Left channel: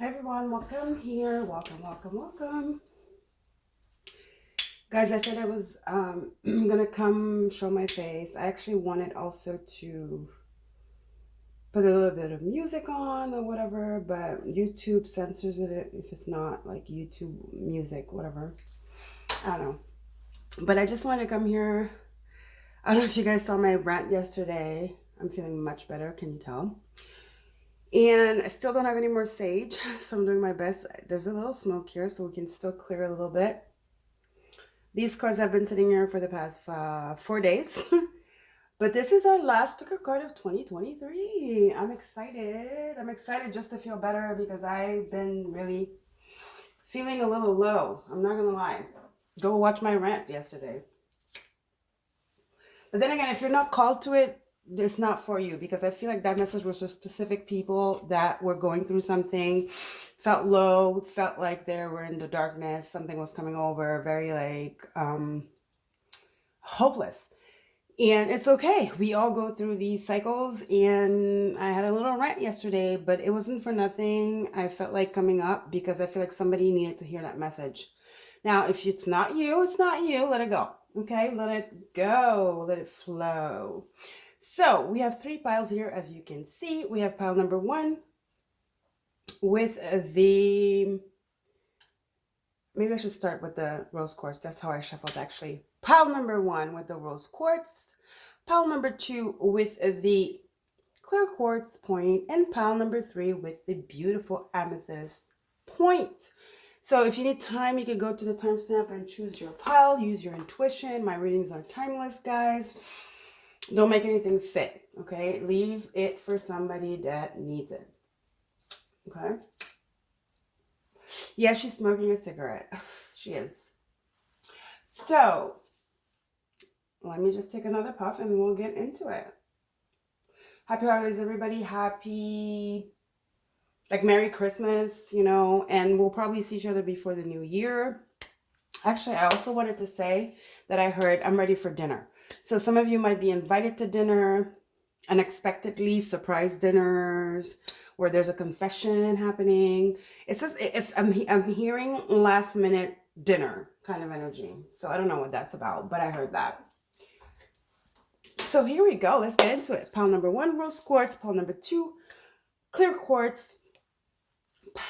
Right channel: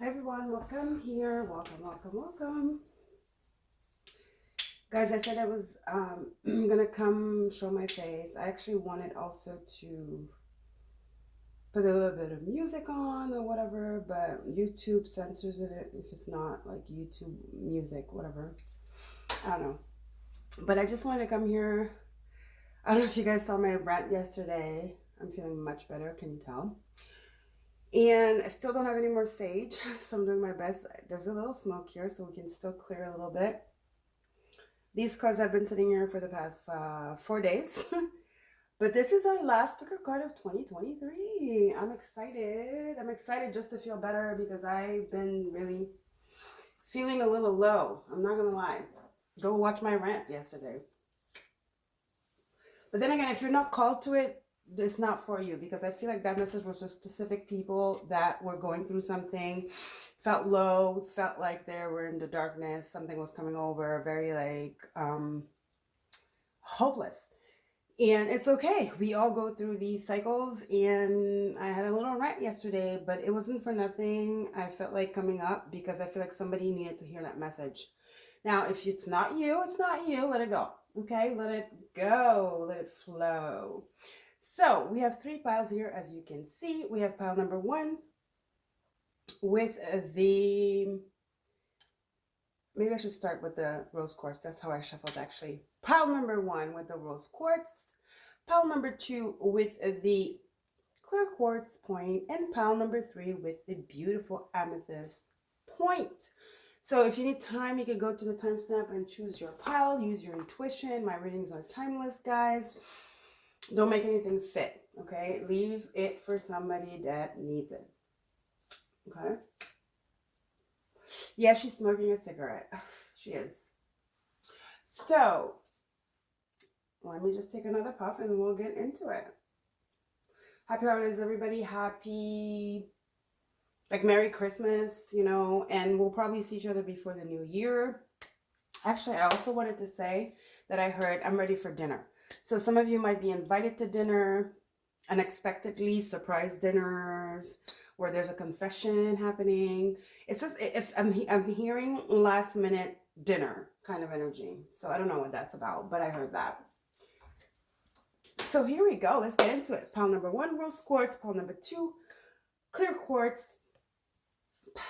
Hi everyone, welcome here. Welcome. Guys, I said I was gonna come show my face. I actually wanted also to put a little bit of music on or whatever, but YouTube censors it if it's not like YouTube music, whatever. I don't know. But I just wanted to come here. I don't know if you guys saw my rant yesterday. I'm feeling much better, can you tell? And I still don't have any more sage, so I'm doing my best. There's a little smoke here, so we can still clear a little bit. These cards have been sitting here for the past 4 days. But this is our last picker card of 2023. I'm excited. I'm excited just to feel better because I've been really feeling a little low. I'm not going to lie. Go watch my rant yesterday. But then again, if you're not called to it, it's not for you, because I feel like that message was for specific people that were going through something, felt low, felt like they were in the darkness, something was coming over, very like hopeless. And it's okay. We all go through these cycles, and I had a little rant yesterday, but it wasn't for nothing. I felt like coming up because I feel like somebody needed to hear that message. Now, if it's not you, it's not you. Let it go. Okay? Let it go. Let it flow. So we have 3 piles here, as you can see. We have pile number 1 with the, maybe I should start with the rose quartz. That's how I shuffled actually. Pile number 1 with the rose quartz. Pile number 2 with the clear quartz point, and pile number 3 with the beautiful amethyst point. So if you need time, you can go to the timestamp and choose your pile. Use your intuition. My readings are timeless, guys. Don't make anything fit, okay? Leave it for somebody that needs it, okay? Yeah, she's smoking a cigarette. She is. So, let me just take another puff and we'll get into it. Happy holidays, everybody. Happy, like, Merry Christmas, you know, and we'll probably see each other before the new year. Actually, I also wanted to say that I heard I'm ready for dinner. So some of you might be invited to dinner, unexpectedly, surprise dinners, where there's a confession happening. It's just, if I'm hearing last minute dinner kind of energy. So I don't know what that's about, but I heard that. So here we go. Let's get into it. Pile number 1, rose quartz. Pile number 2, clear quartz.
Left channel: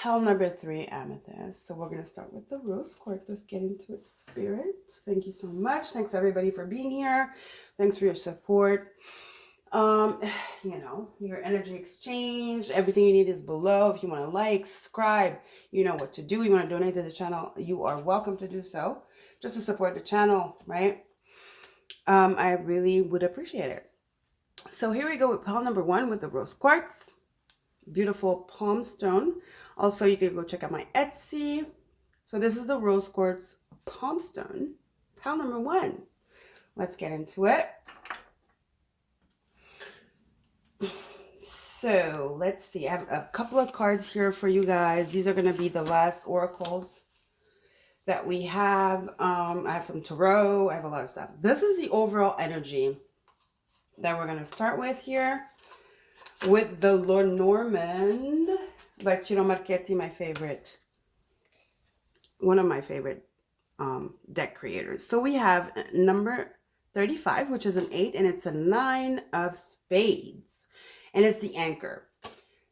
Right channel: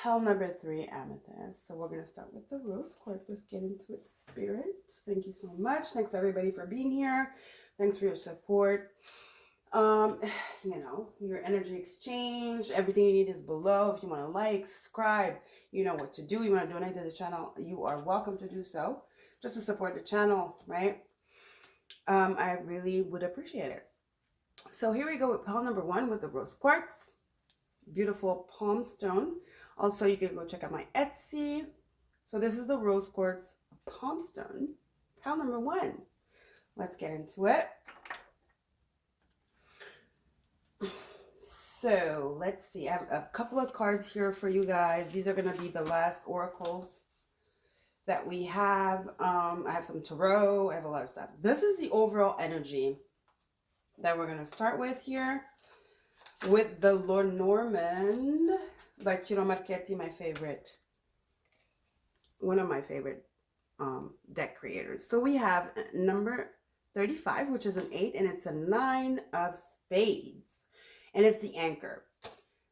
Pile number 3, amethyst. So we're going to start with the rose quartz. Let's get into it, spirit. Thank you so much. Thanks everybody for being here. Thanks for your support. You know, your energy exchange, everything you need is below. If you want to like, subscribe, you know what to do. You want to donate to the channel, you are welcome to do so, just to support the channel, right? I really would appreciate it. So here we go with pile number 1 with the rose quartz. Beautiful palm stone. Also, you can go check out my Etsy. So this is the rose quartz palm stone, pile number 1. Let's get into it. So let's see. I have a couple of cards here for you guys. These are going to be the last oracles that we have. I have some tarot. I have a lot of stuff. This is the overall energy that we're going to start with here with the Lenormand by Ciro Marchetti, my favorite, one of my favorite deck creators. So we have number 35, which is an 8, and it's a 9 of spades, and it's the anchor.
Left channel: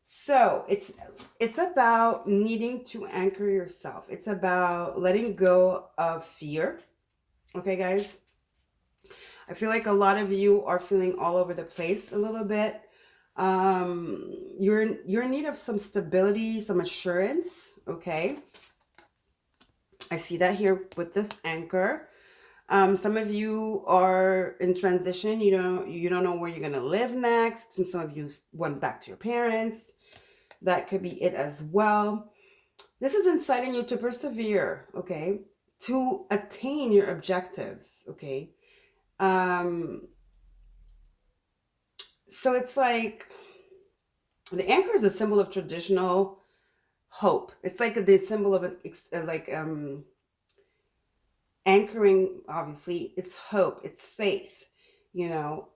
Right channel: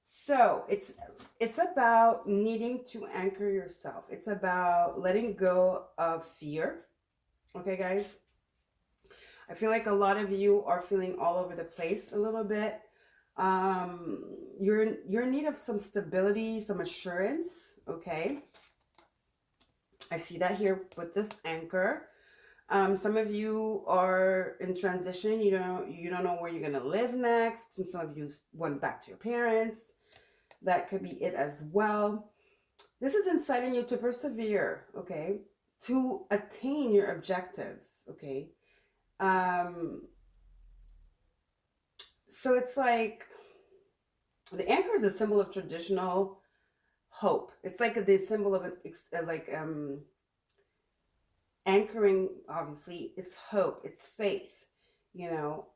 So it's about needing to anchor yourself. It's about letting go of fear. Okay, guys? I feel like a lot of you are feeling all over the place a little bit. You're in need of some stability, some assurance, okay? I see that here with this anchor. Some of you are in transition. You don't know where you're going to live next, and some of you went back to your parents. That could be it as well. This is inciting you to persevere, okay? To attain your objectives, okay? So it's like the anchor is a symbol of traditional hope. It's like the symbol of anchoring. Obviously, it's hope, it's faith, you know.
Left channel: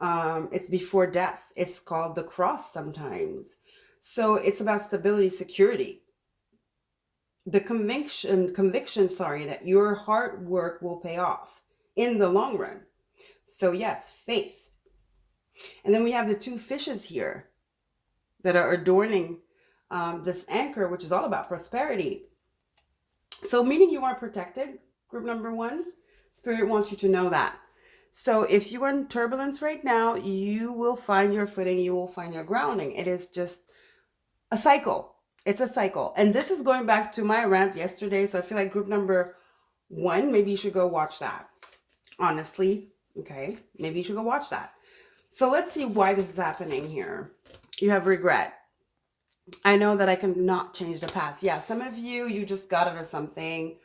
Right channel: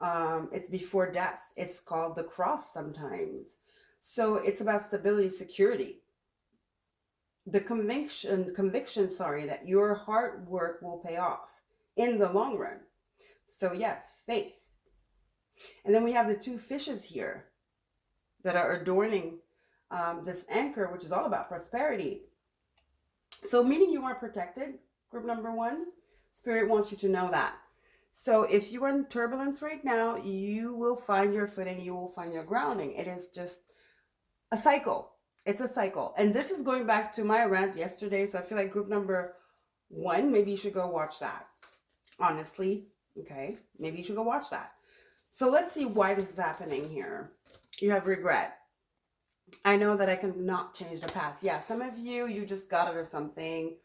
It's before death. It's called the cross sometimes. So it's about stability, security, the conviction, sorry, that your hard work will pay off in the long run. So yes, faith. And then we have the two fishes here that are adorning this anchor, which is all about prosperity. So meaning you are protected, group number one. Spirit wants you to know that. So if you are in turbulence right now, you will find your footing, you will find your grounding. It is just a cycle. It's a cycle. And this is going back to my rant yesterday. So I feel like group number one, maybe you should go watch that. Honestly, okay, maybe you should go watch that. So let's see why this is happening here. You have regret. I know that I cannot change the past. Yeah, some of you, you just got out of something.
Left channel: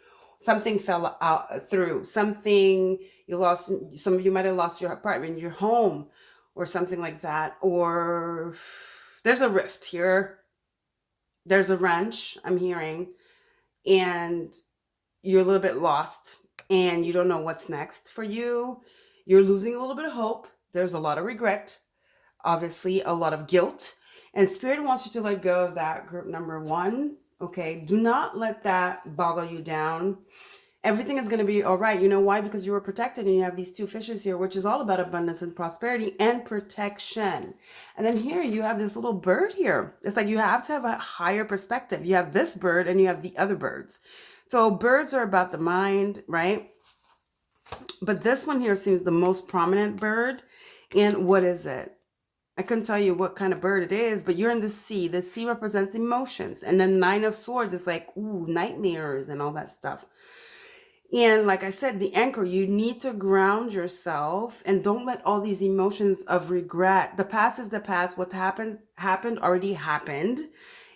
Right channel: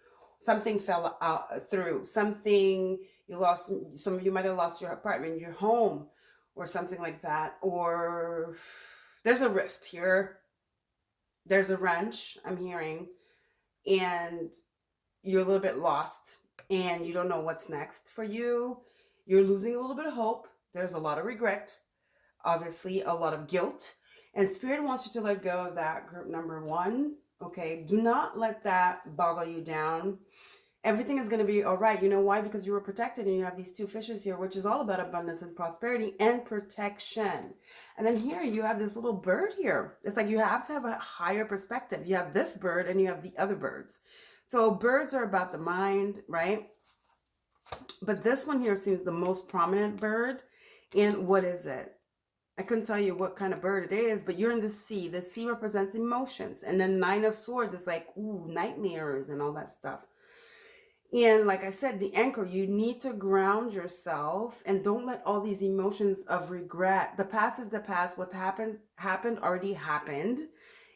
Something fell out through. Something you lost. Some of you might have lost your apartment, your home, or something like that. Or there's a rift here. There's a wrench, I'm hearing. And you're a little bit lost. And you don't know what's next for you. You're losing a little bit of hope. There's a lot of regret. Obviously, a lot of guilt. And Spirit wants you to let go of that, group number one. Okay, do not let that boggle you down. Everything is going to be all right. You know why? Because you were protected and you have these two fishes here, which is all about abundance and prosperity and protection. And then here you have this little bird here. It's like you have to have a higher perspective. You have this bird and you have the other birds. So birds are about the mind, right? But this one here seems the most prominent bird. And what is it? I couldn't tell you what kind of bird it is, but you're in the sea. The sea represents emotions. And then Nine of Swords is like, ooh, nightmares and all that stuff. And like I said, the anchor, you need to ground yourself and don't let all these emotions of regret. The past is the past. What happened already happened.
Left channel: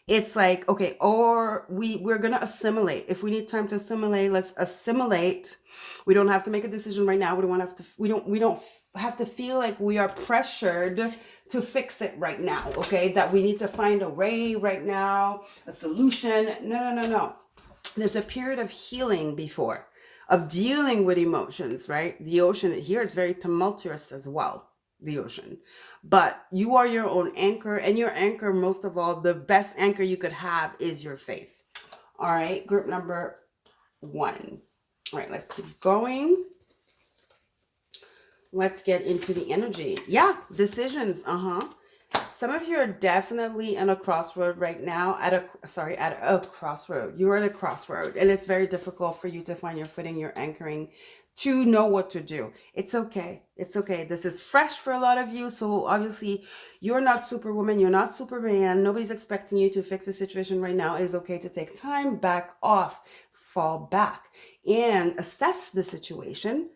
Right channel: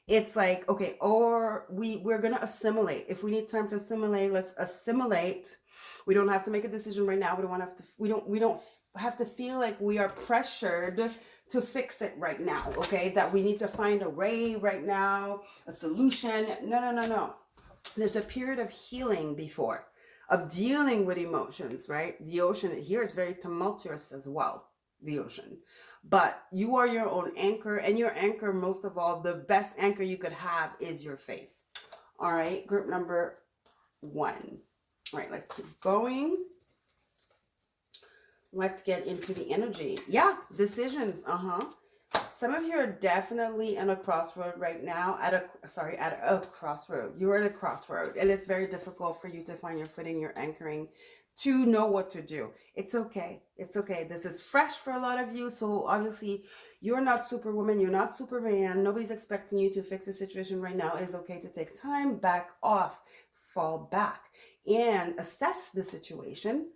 It's like, okay, or we're going to assimilate. If we need time to assimilate, let's assimilate. We don't have to make a decision right now. We don't have to feel like we are pressured to fix it right now, okay? That we need to find a way right now, a solution. No. There's a period of healing before, of dealing with emotions, right? The ocean here is very tumultuous as well, the ocean. But you are your own anchor, and your anchor, most of all, the best anchor you could have is your faith. All right, group number one. All right, let's keep going. Let's get into the energy. Yeah, decisions. Some of you are definitely on a crossroad right now. At a crossroad. You're at a crossroad, and it's very difficult for you to find your footing, your anchoring, to know what to do. It's okay. It's okay. This is fresh for a lot of you. So obviously, you're not Superwoman. You're not Superman. Nobody's expecting you to fix the situation right now. It's okay to take time, back off, fall back, and assess the situation,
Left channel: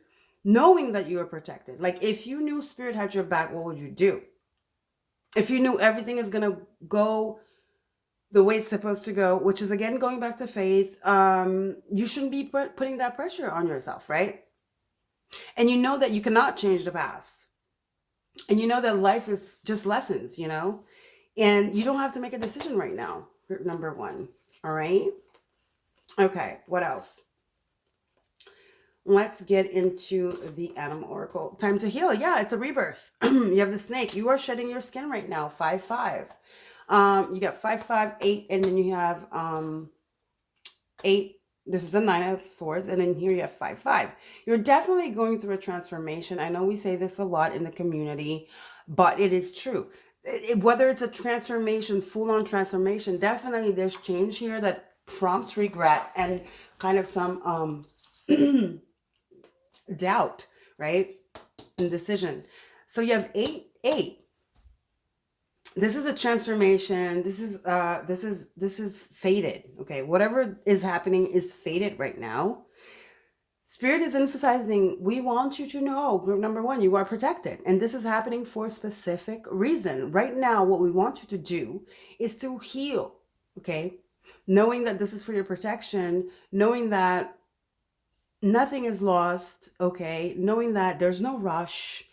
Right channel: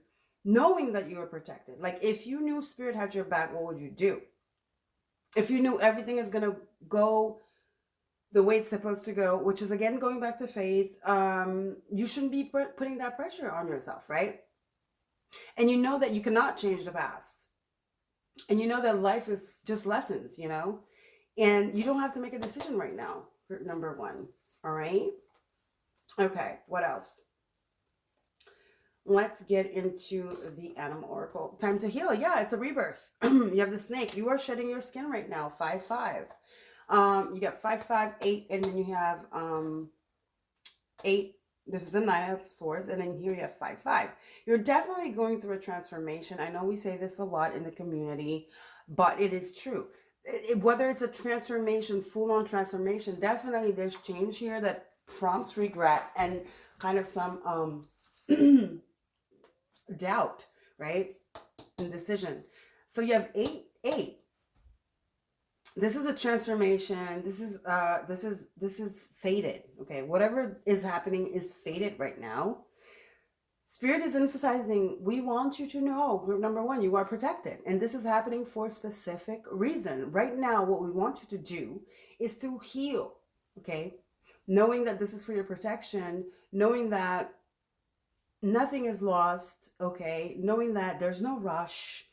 knowing that you are protected. Like if you knew Spirit had your back, what would you do? If you knew everything is going to go the way it's supposed to go, which is again going back to faith, you shouldn't be putting that pressure on yourself, right? And you know that you cannot change the past. And you know that life is just lessons, you know? And you don't have to make a decision right now, group number one. All right? Okay, what else? Let's get into the animal oracle. Time to heal. Yeah, it's a rebirth. You have the snake. You are shedding your skin right now. 5-5. You got 5-5, 8, and then you have 8. This is a 9 of swords, and then here you have 5-5. You're definitely going through a transformation. I know we say this a lot in the community, but it is true. Whether it's a transformation, full-on transformation, definitely there's change here that prompts regret and kind of some doubt, right? Indecision. So you have 8. This is a transformation. This is fated. Okay, whatever is happening is fated right now. Spirit is emphasizing, we want you to know, group number one, you are protected. And this is happening for a specific reason. Right now, what we want you to do is to heal, okay? Knowing that this is for your protection, knowing that nothing is lost, okay? Knowing that there's no rush.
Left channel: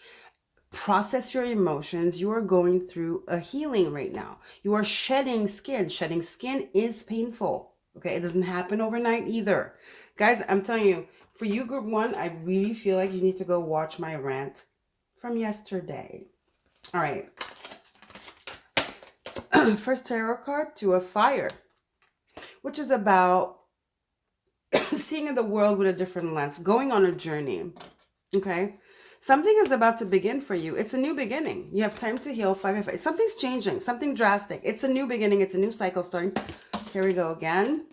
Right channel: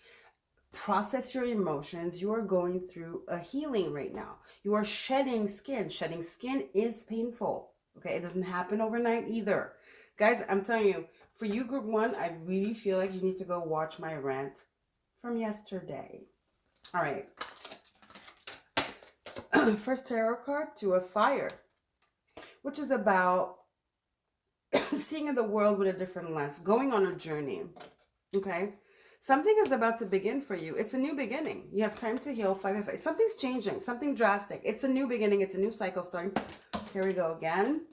Process your emotions. You are going through a healing right now. You are shedding skin. Shedding skin is painful, okay? It doesn't happen overnight either. Guys, I'm telling you, for you, group one, I really feel like you need to go watch my rant from yesterday. All right. First tarot card, Two of Fire, which is about seeing the world with a different lens, going on a journey. Okay. Something is about to begin for you. It's a new beginning. You have time to heal. 5 something's changing, something drastic. It's a new beginning. It's a new cycle starting. Here we go again.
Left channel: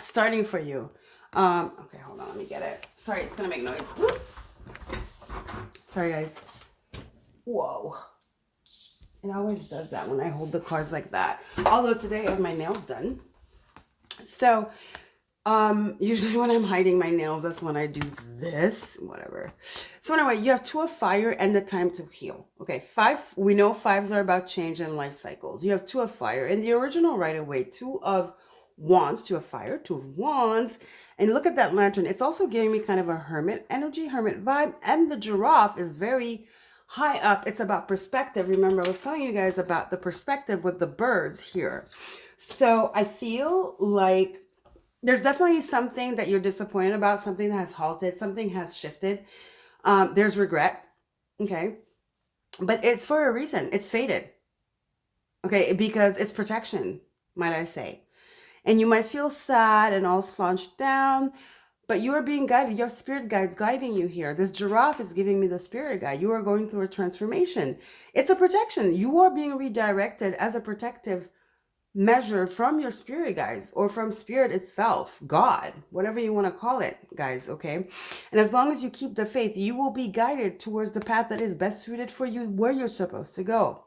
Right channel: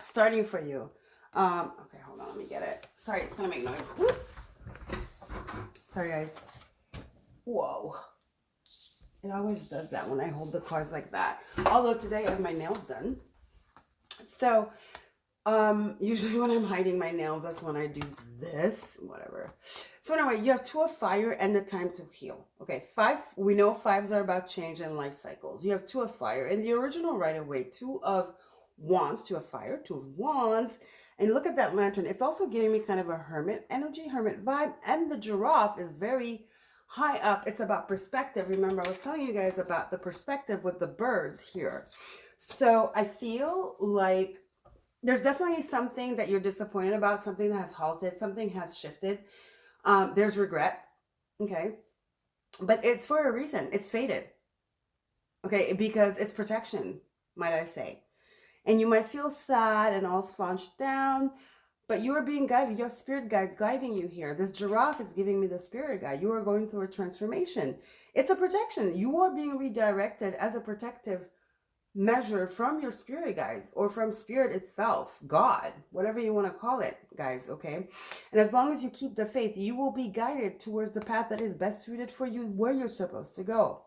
Starting for you. Okay, hold on. Let me get it. Sorry, it's going to make noise. Sorry, guys. Whoa. It always does that when I hold the cards like that. Although today I have my nails done. So, usually when I'm hiding my nails, that's when I do this, whatever. So anyway, you have 2 of fire and the time to heal. Okay, 5, we know 5s are about change and life cycles. You have 2 of fire. In the original right away, 2 of wands, 2 of fire, 2 of wands. And look at that lantern. It's also giving me kind of a hermit energy, hermit vibe. And the giraffe is very high up. It's about perspective. Remember, I was telling you guys about the perspective with the birds here. So I feel like there's definitely something that you're disappointed about, something that has halted, something has shifted. There's regret, okay? But it's for a reason. It's fated, okay? Because it's protection, might I say. And you might feel sad and all slouched down, but you are being guided. Your spirit guide's guiding you here. This giraffe is giving me the spirit guide. You are going through a transformation. It's a protection. You are being redirected as a protective measure from your spirit guides or from spirit itself, God, whatever you want to call it, guys, okay? And as long as you keep the faith, you will be guided towards the path that is best suited for you, where you're supposed to go.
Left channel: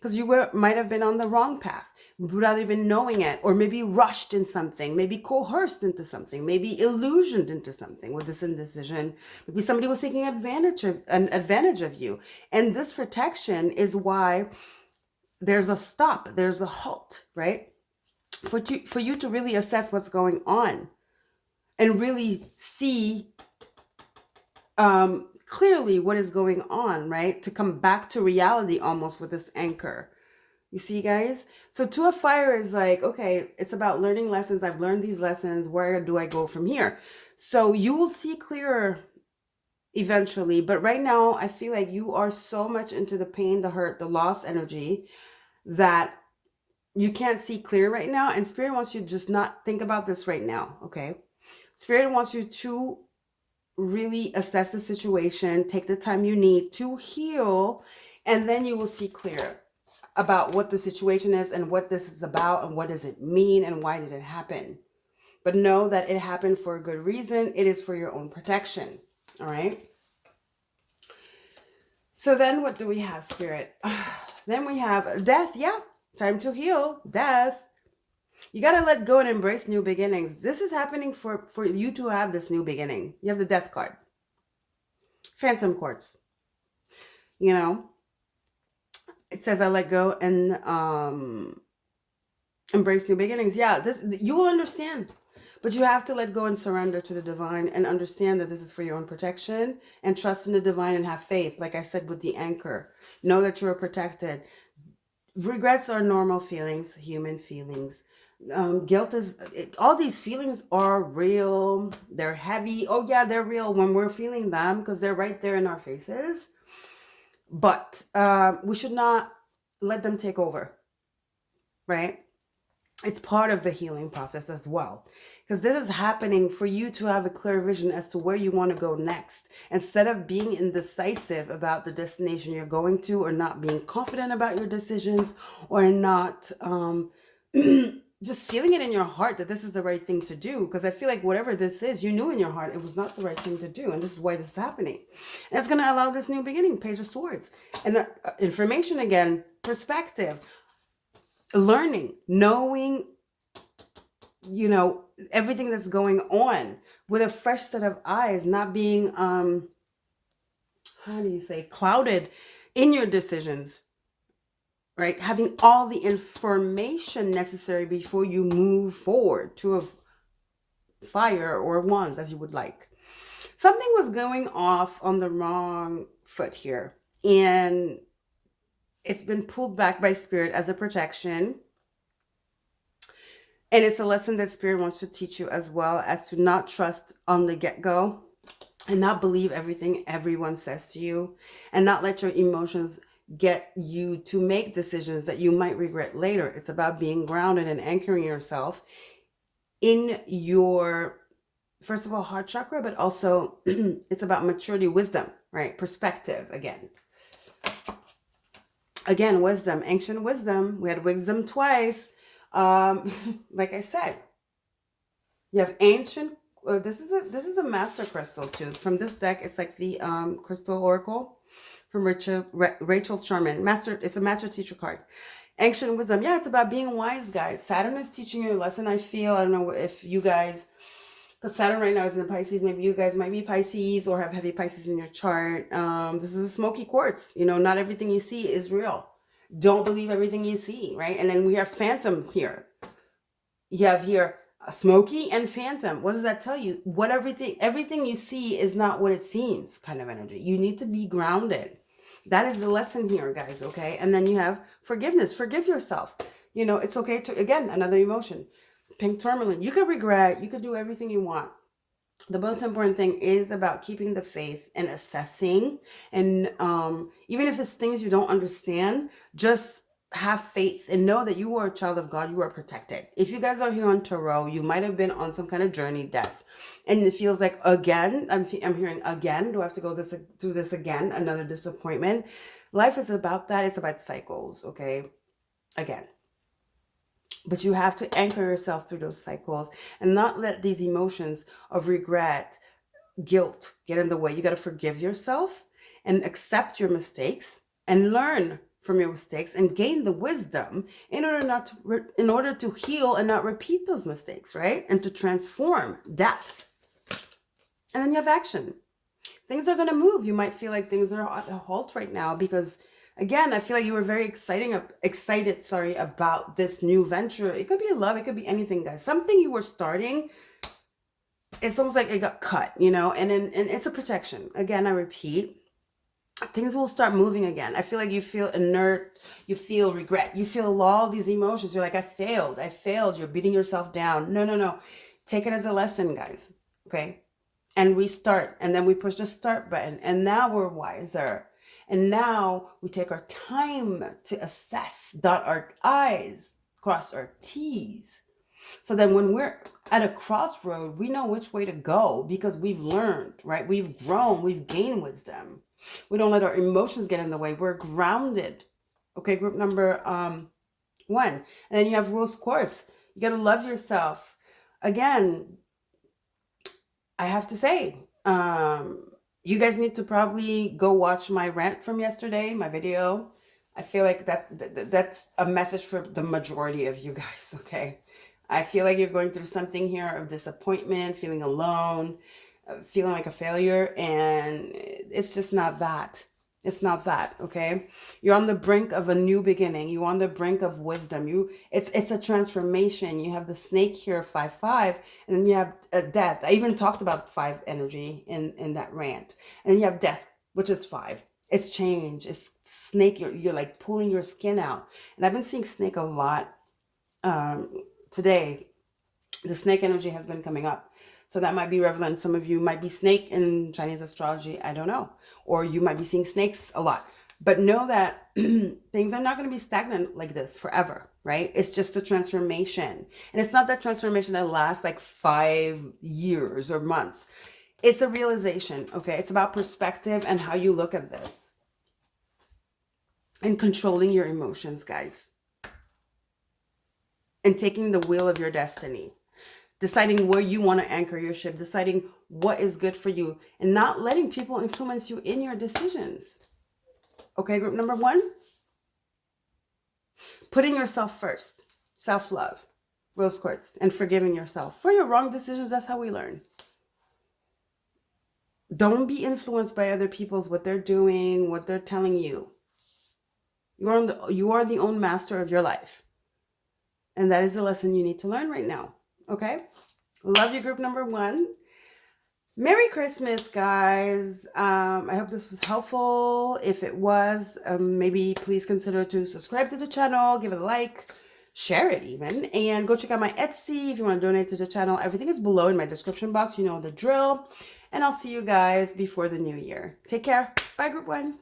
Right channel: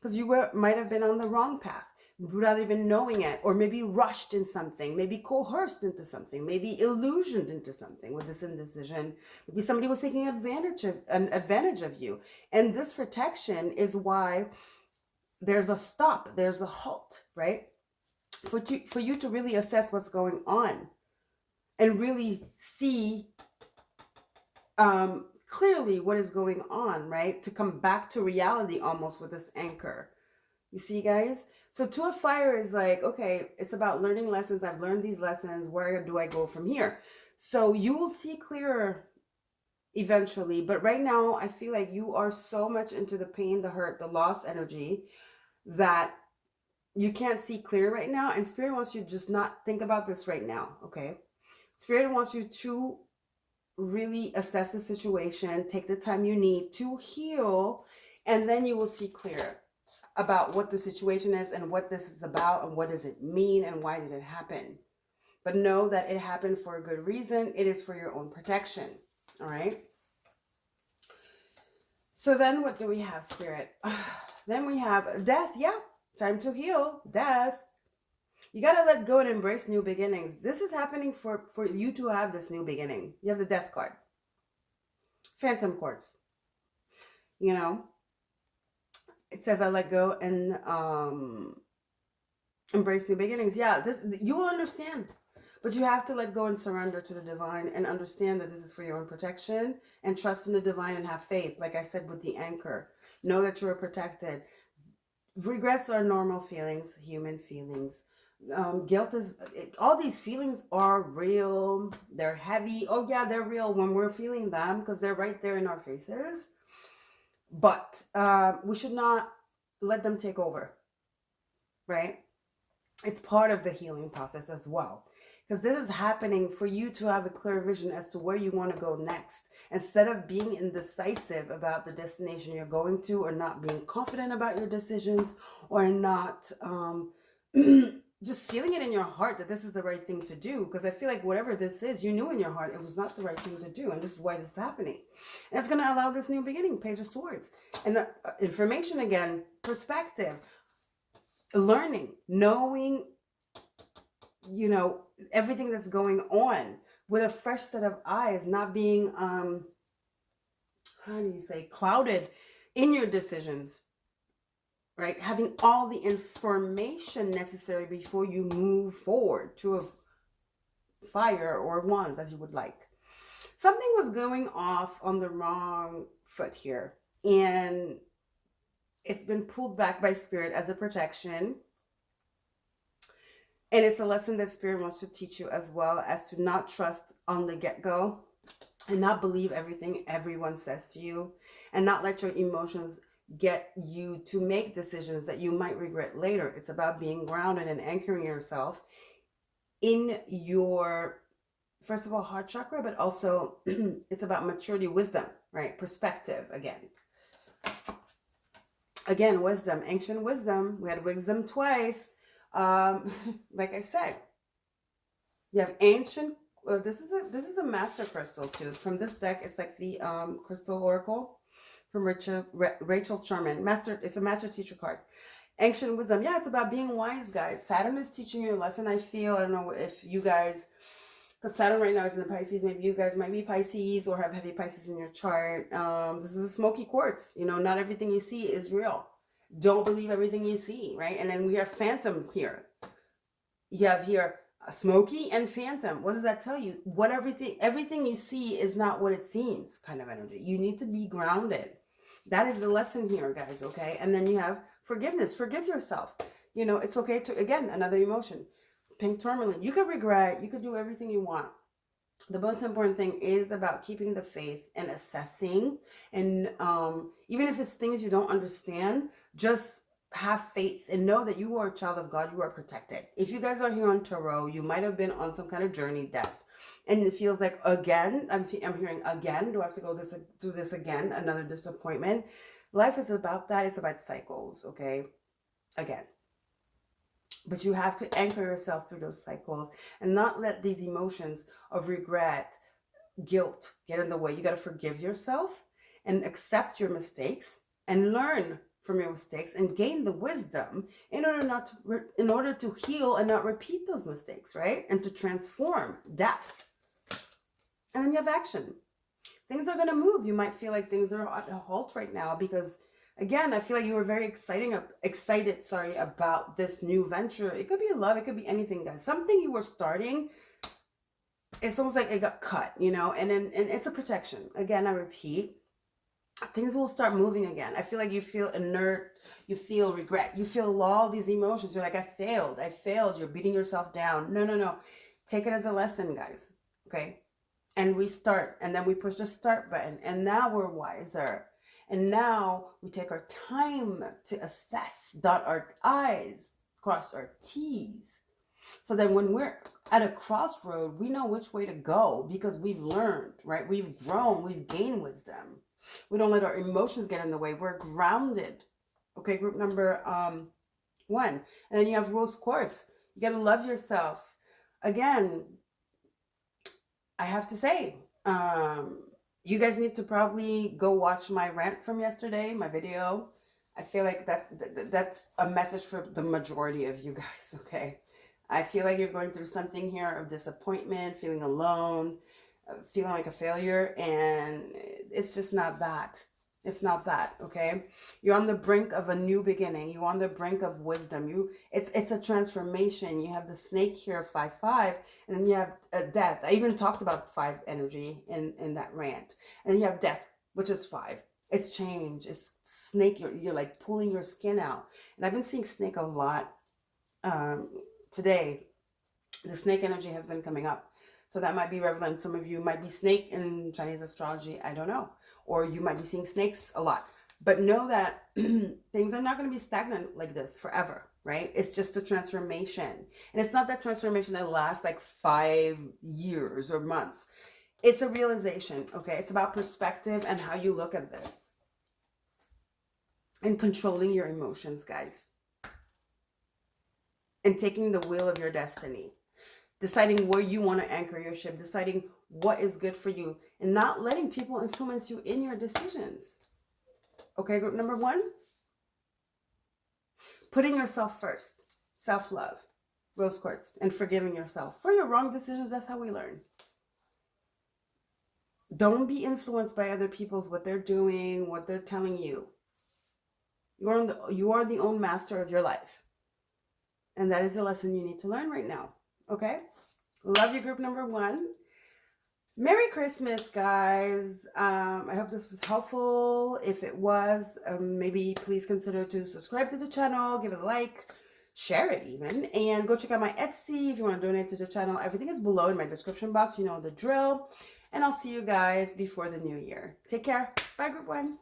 Because you might have been on the wrong path without even knowing it, or maybe rushed in something, maybe coerced into something, maybe illusioned into something with this indecision. Maybe somebody was taking advantage of you. And this protection is why there's a stop, there's a halt, right? For you to really assess what's going on and really see clearly what is going on, right? To come back to reality almost with this anchor. You see, guys? So 2 of fire is like, okay, it's about learning lessons. I've learned these lessons. Where do I go from here? So you will see clearer eventually. But right now, I feel like you are so much into the pain, the hurt, the loss energy that you can't see clear right now. And Spirit wants you to just not think about this right now, okay? Spirit wants you to really assess the situation, take the time you need to heal, and then you will see clear about what the situation is and what this is about and what does it mean and why did it happen. But know that it happened for a good reason. It is for your own protection, all right? So then what do we have, Spirit? Then we have death. Yeah, time to heal. Death. You got to let go and embrace new beginnings. This is happening for you to have this new beginning. You have the death card. Phantom quartz. You know, it says I let go and embrace new beginnings. Yeah, this you will understand. But you have to let go and surrender to the divine and understand that this is for your own protection and trust in the divine and have faith. Like I said, with the anchor, know that you're protected. Regrets are normal feelings, human feelings. Guilt is, all these feelings are real. They're heavy. Oh yeah, they're real when we're feeling them because they're right there in our faces. But we should not let them take over, right? It's part of the healing process as well. Because this is happening for you to have a clear vision as to where you want to go next. Instead of being indecisive about the destination you're going to, or not being confident about your decisions, or not just feeling it in your heart that this is the right thing to do. Because I feel like whatever this is, you knew in your heart it was not the right thing to do. And this is why this is happening. And it's going to allow this new beginning, Page of Swords. And information again, perspective, learning, knowing, you know, everything that's going on with a fresh set of eyes, not being, how do you say, clouded in your decisions, right? Having all the information necessary before you move forward to a fire or wands as you would like. Something was going off on the wrong foot here, and it's been pulled back by Spirit as a protection. And it's a lesson that Spirit wants to teach you as well, as to not trust on the get-go and not believe everything everyone says to you, and not let your emotions get you to make decisions that you might regret later. It's about being grounded and anchoring yourself in your first of all, heart chakra, but also it's about maturity, wisdom, right? Perspective again. Again, wisdom, ancient wisdom. We had wisdom twice. Like I said, you have ancient. This is a master crystal too. From this deck, it's like the crystal oracle from Rachel Sherman. Master. It's a master teacher card. Ancient wisdom. Yeah, it's about being wise, guys. Saturn is teaching you a lesson. I feel. I don't know if you guys, because Saturn right now is in Pisces. Maybe you guys might be Pisces or have heavy Pisces in your chart. This is a smoky quartz. You know, not everything you see is real. Don't believe everything you see, right? And then we have phantom here. You have here a smoky and phantom. What does that tell you? What everything you see is not what it seems kind of energy. You need to be grounded. That is the lesson here, guys, okay? And then you have forgiveness. Forgive yourself. You know, it's okay to, again, another emotion. Pink tourmaline. You could regret. You could do everything you want. The most important thing is about keeping the faith and assessing. And even if it's things you don't understand, just have faith and know that you are a child of God. You are protected. If you guys are here on tarot, you might have been on some kind of journey, death. And it feels like, again, I'm hearing again, do I have to go through this again? Another disappointment. Life is about that. It's about cycles, okay? Again. But you have to anchor yourself through those cycles and not let these emotions of regret, guilt get in the way. You got to forgive yourself and accept your mistakes and learn from your mistakes and gain the wisdom in order to heal and not repeat those mistakes, right? And to transform death. And then you have action. Things are going to move. You might feel like things are at a halt right now because, again, I feel like you were very excited, about this new venture. It could be love. It could be anything, guys. Something you were starting, it's almost like it got cut, you know, and it's a protection. Again, I repeat, things will start moving again. I feel like you feel inert. You feel regret. You feel all these emotions. You're like, I failed. You're beating yourself down. No. Take it as a lesson, guys. Okay. And we start, and then we push the start button, and now we're wiser. And now we take our time to assess, dot our I's, cross our T's. So then when we're at a crossroad, we know which way to go because we've learned, right? We've grown, we've gained wisdom. We don't let our emotions get in the way. We're grounded. Okay, group number 1. And then you have rose quartz. You got to love yourself. Again, I have to say, you guys need to probably go watch my rant from yesterday, my video. I feel like that's a message for the majority of you guys, okay? I feel like you're going through something here of disappointment, feeling alone, feeling like a failure, and it's just not that. It's not that, okay? You're on the brink of a new beginning. You're on the brink of wisdom. It's a transformation. You have the snake here, 5/5, and then you have death. I even talked about 5 energy in that rant. And then you have death, which is 5. It's change. It's snake. You're like pulling your skin out. And I've been seeing snake a lot today. The snake energy has been coming up. So that might be relevant. Some of you might be snake in Chinese astrology. I don't know. Or you might be seeing snakes a lot. But know that things are not going to be stagnant like this forever, right? It's just a transformation. And it's not that transformation that lasts like 5 years or months. It's a realization, okay? It's about perspective and how you look at this. And controlling your emotions, guys. And taking the wheel of your destiny. Deciding where you want to anchor your ship, deciding what is good for you, and not letting people influence you in your decisions. Okay, group number 1? Putting yourself first. Self-love. Rose quartz. And forgiving yourself for your wrong decisions. That's how we learn. Don't be influenced by other people's, what they're doing, what they're telling you. You are the own master of your life. And that is the lesson you need to learn right now. Okay? Love you, group number 1. Merry Christmas, guys. I hope this was helpful. If it was, maybe please consider to subscribe to the channel, give it a like, share it even, and go check out my Etsy if you want to donate to the channel. Everything is below in my description box. You know the drill. And I'll see you guys before the new year. Take care. Bye, group 1.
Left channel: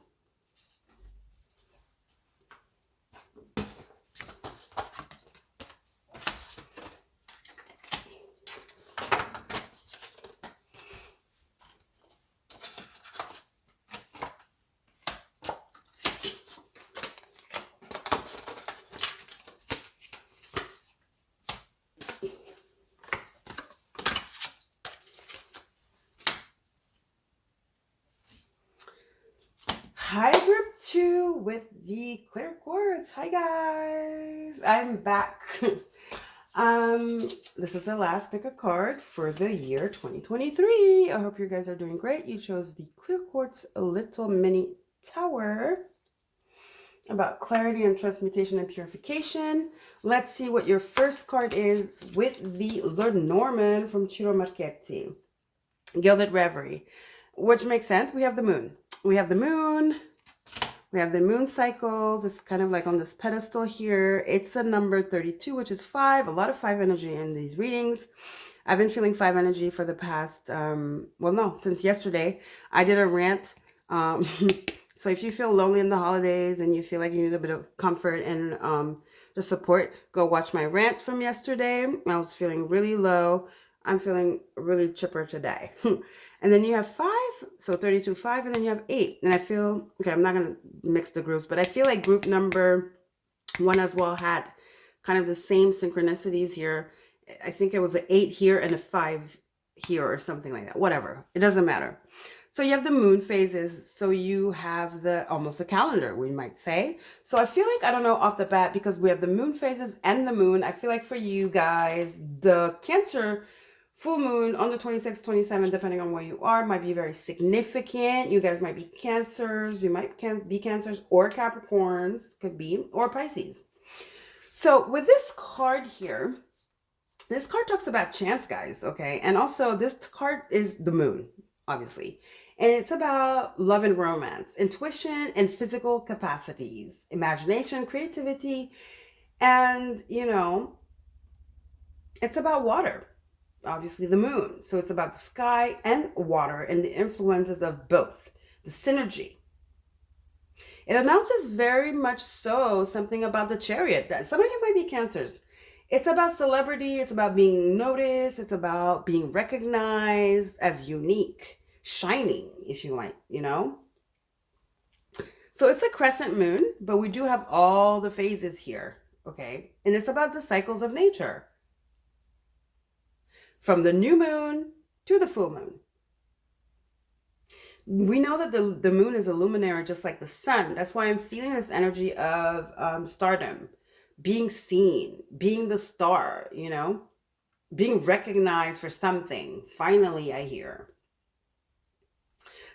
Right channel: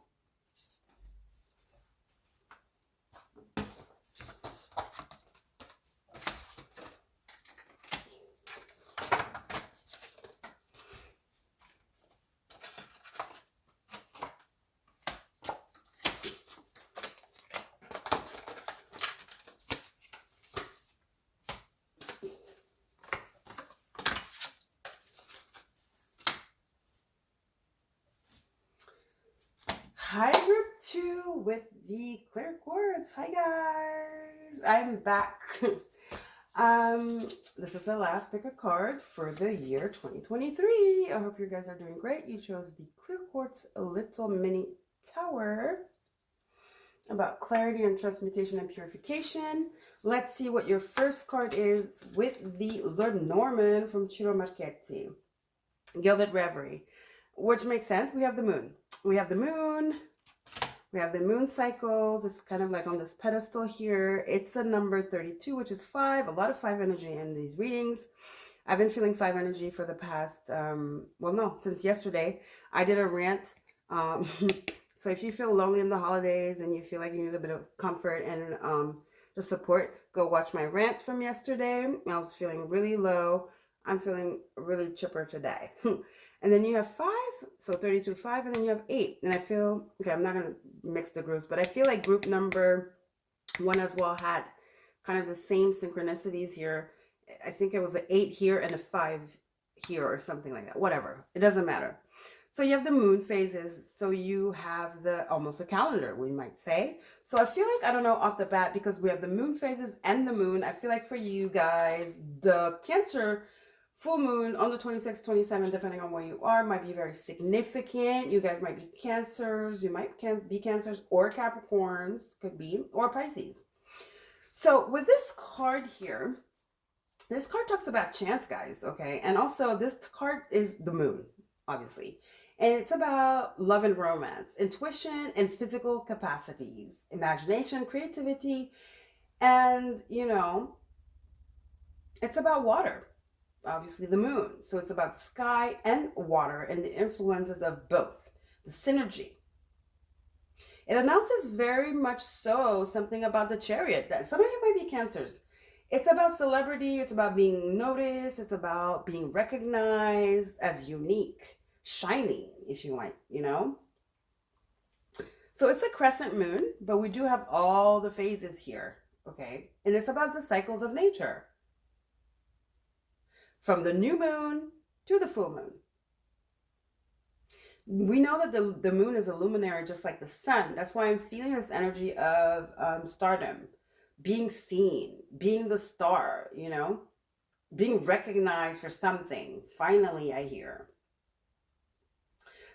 Hi, group 2 with the clear quartz. Hi, guys. I'm back. This is the last pick a card for the year 2023. I hope you guys are doing great. You chose the clear quartz little mini tower about clarity and transmutation and purification. Let's see what your first card is with the Lenormand from Ciro Marchetti. Gilded Reverie, which makes sense. We have the moon. We have the moon. We have the moon cycles. It's kind of like on this pedestal here. It's a number 32, which is 5. A lot of 5 energy in these readings. I've been feeling 5 energy for the past, since yesterday. I did a rant. So if you feel lonely in the holidays and you feel like you need a bit of comfort and the support, go watch my rant from yesterday. I was feeling really low. I'm feeling really chipper today. And then you have 5, so 32, 5, and then you have 8. And I feel, okay, I'm not going to mix the groups, but I feel like group number 1 as well had kind of the same synchronicities here. I think it was an 8 here and a 5 here or something like that. Whatever. It doesn't matter. So you have the moon phases. So you have almost a calendar, we might say. So I feel like, I don't know off the bat, because we have the moon phases and the moon. I feel like for you guys, the Cancer full moon on the 26th, 27th, depending on where you are, might be very significant. You guys might be Cancers. You might be Cancers or Capricorns, could be, or Pisces. So with this card here, this card talks about chance, guys, okay? And also this card is the moon, obviously. And it's about love and romance, intuition and physical capacities, imagination, creativity, and, it's about water. Obviously the moon. So it's about the sky and water and the influences of both, the synergy. It announces very much so something about the Chariot. That some of you might be Cancers. It's about celebrity. It's about being noticed. It's about being recognized as unique, shining, if you might, So it's a crescent moon, but we do have all the phases here, okay? And it's about the cycles of nature. From the new moon to the full moon. We know that the moon is a luminary just like the sun. That's why I'm feeling this energy of stardom, being seen, being the star, being recognized for something. Finally, I hear.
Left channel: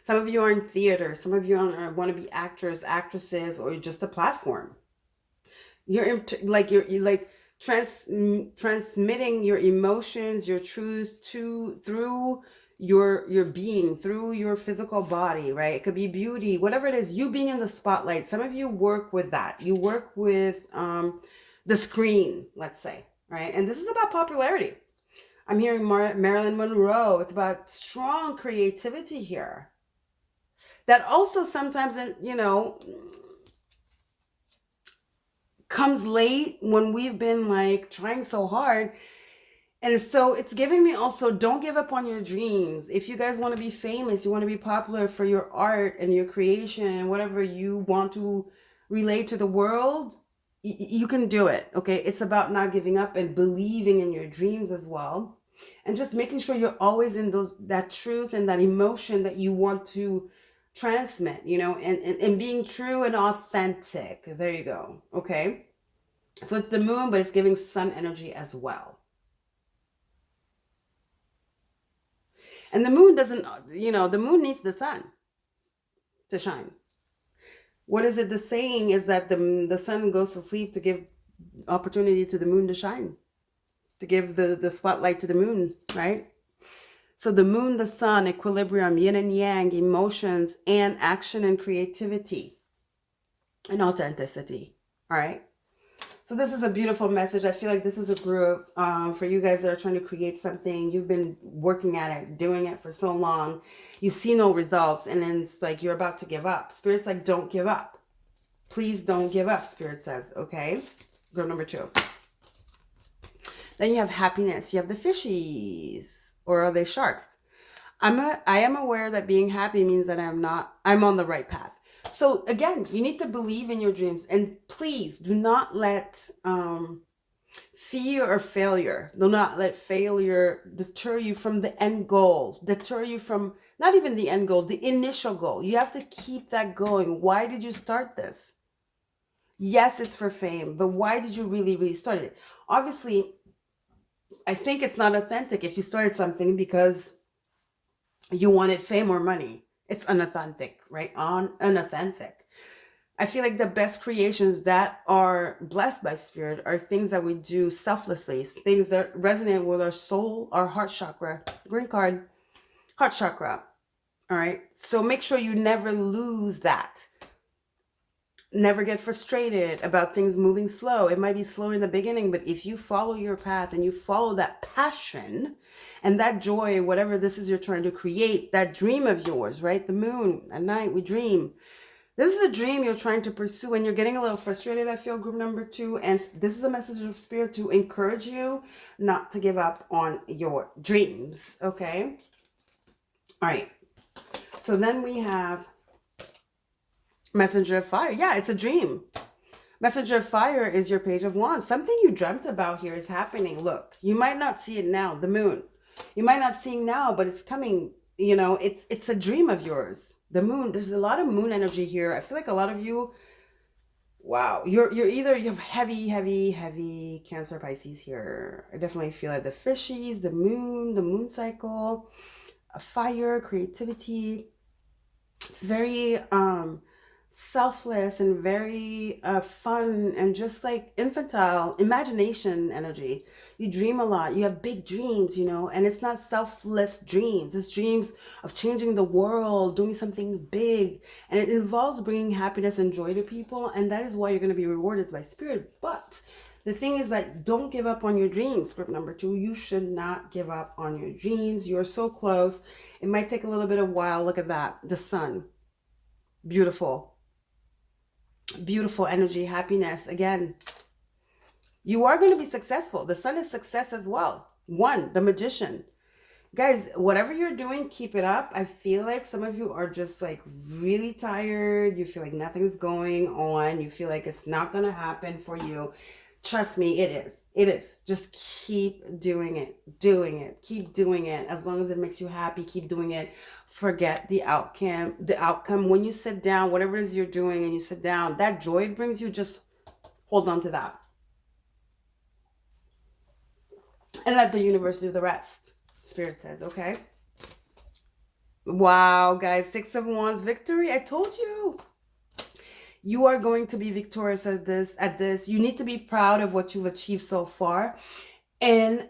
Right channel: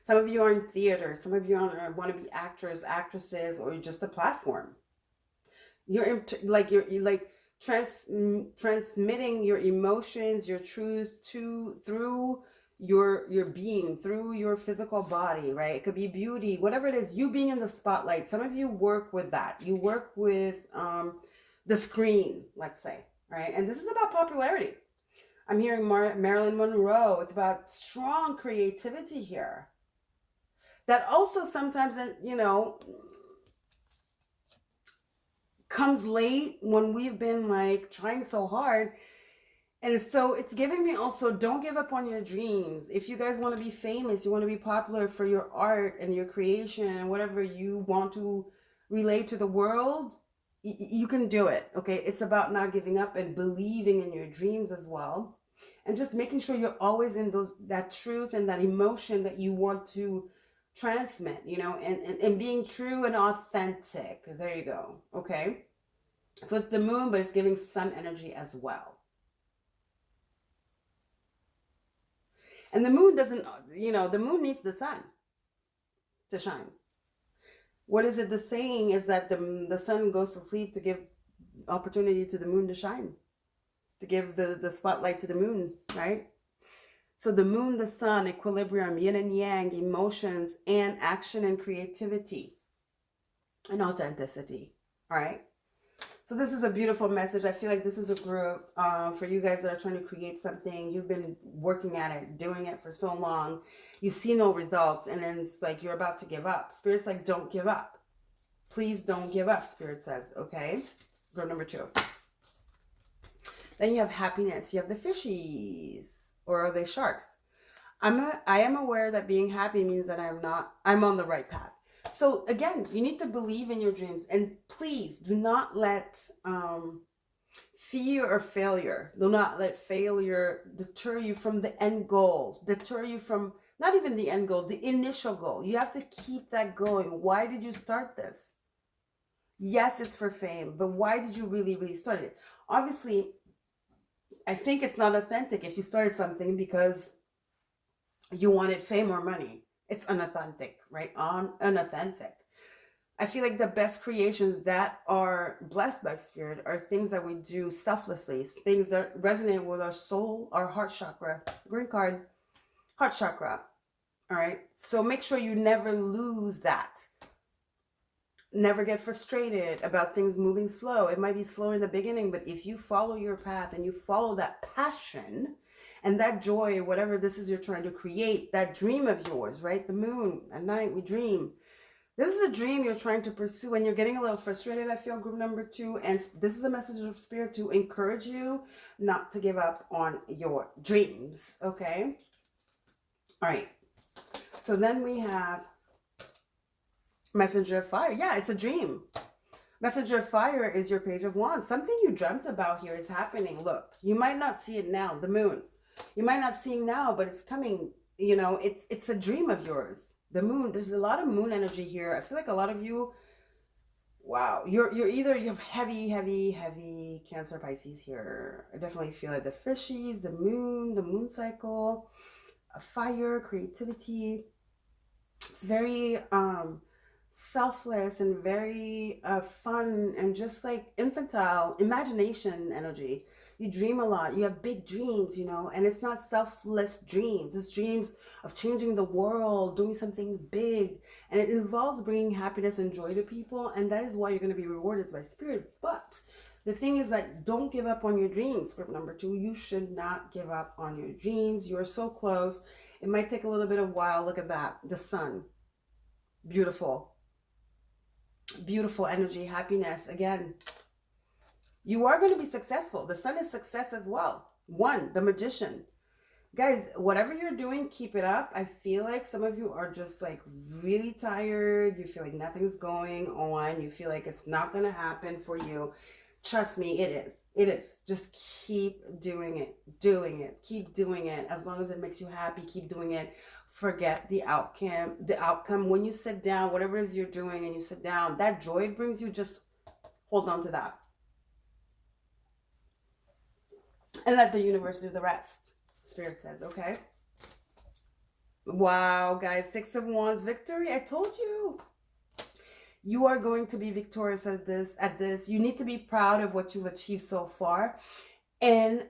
Some of you are in theater. Some of you want to be actors, actresses, or just a platform. You're transmitting your emotions, your truth through your being, through your physical body, right? It could be beauty, whatever it is, you being in the spotlight. Some of you work with that. You work with the screen, let's say, right? And this is about popularity. I'm hearing Marilyn Monroe. It's about strong creativity here. That also sometimes, comes late when we've been trying so hard. And so it's giving me also, don't give up on your dreams. If you guys want to be famous, you want to be popular for your art and your creation and whatever you want to relate to the world, you can do it, okay? It's about not giving up and believing in your dreams as well. And just making sure you're always in that truth and that emotion that you want to transmit, and being true and authentic. There you go. Okay. So it's the moon, but it's giving sun energy as well. And the moon doesn't, the moon needs the sun to shine. What is it? The saying is that the sun goes to sleep to give opportunity to the moon to shine, to give the spotlight to the moon, right? So the moon, the sun, equilibrium, yin and yang, emotions, and action and creativity and authenticity. All right. So this is a beautiful message. I feel like this is a group for you guys that are trying to create something. You've been working at it, doing it for so long. You see no results. And then it's like you're about to give up. Spirit's like, don't give up. Please don't give up, Spirit says. Okay. Group number 2. Then you have happiness. You have the fishies. Or are they sharks? I am aware that being happy means that I'm on the right path. So again, you need to believe in your dreams, and please do not let fear or failure. Do not let failure deter you from the end goal, deter you from not even the end goal, the initial goal. You have to keep that going. Why did you start this? Yes, it's for fame, but why did you really, really start it? Obviously, I think it's not authentic if you started something because you wanted fame or money. It's unauthentic, right? Unauthentic. I feel like the best creations that are blessed by spirit are things that we do selflessly, things that resonate with our soul, our heart chakra. Green card, heart chakra. All right. So make sure you never lose that. Never get frustrated about things moving slow. It might be slow in the beginning, but if you follow your path and you follow that passion and that joy, whatever this is you're trying to create, that dream of yours, right? The moon, at night we dream. This is a dream you're trying to pursue and you're getting a little frustrated, I feel, group number 2. And this is a message of spirit to encourage you not to give up on your dreams, okay? All right. So then we have Messenger of Fire. Yeah, it's a dream. Messenger of Fire is your Page of Wands. Something you dreamt about here is happening. Look, you might not see it now, the moon. You might not see it now, but it's coming. You know, it's a dream of yours. The moon, there's a lot of moon energy here. I feel like a lot of you, wow, you're either, you have heavy Cancer, Pisces here. I definitely feel like the fishies, the moon cycle, fire, creativity. It's very selfless and very fun and just like infantile imagination energy. You dream a lot. You have big dreams, you know, and it's not selfless dreams. It's dreams of changing the world, doing something big, and it involves bringing happiness and joy to people, and that is why you're going to be rewarded by spirit. But the thing is that don't give up on your dreams. Script number 2, you should not give up on your dreams. You're so close. It might take a little bit of a while. Look at that. The sun. Beautiful. Beautiful energy, happiness. Again, you are going to be successful. The sun is success as well. 1, the Magician. Guys, whatever you're doing, keep it up. I feel like some of you are just like really tired. You feel like nothing's going on. You feel like it's not going to happen for you. Trust me, it is. It is. Just keep doing it. Keep doing it. As long as it makes you happy, keep doing it. Forget the outcome. When you sit down, whatever it is you're doing and you sit down, that joy it brings you, just hold on to that. And let the universe do the rest. Spirit says, okay? Wow, guys. 6 of Wands, victory. I told you. You are going to be victorious at this. You need to be proud of what you've achieved so far and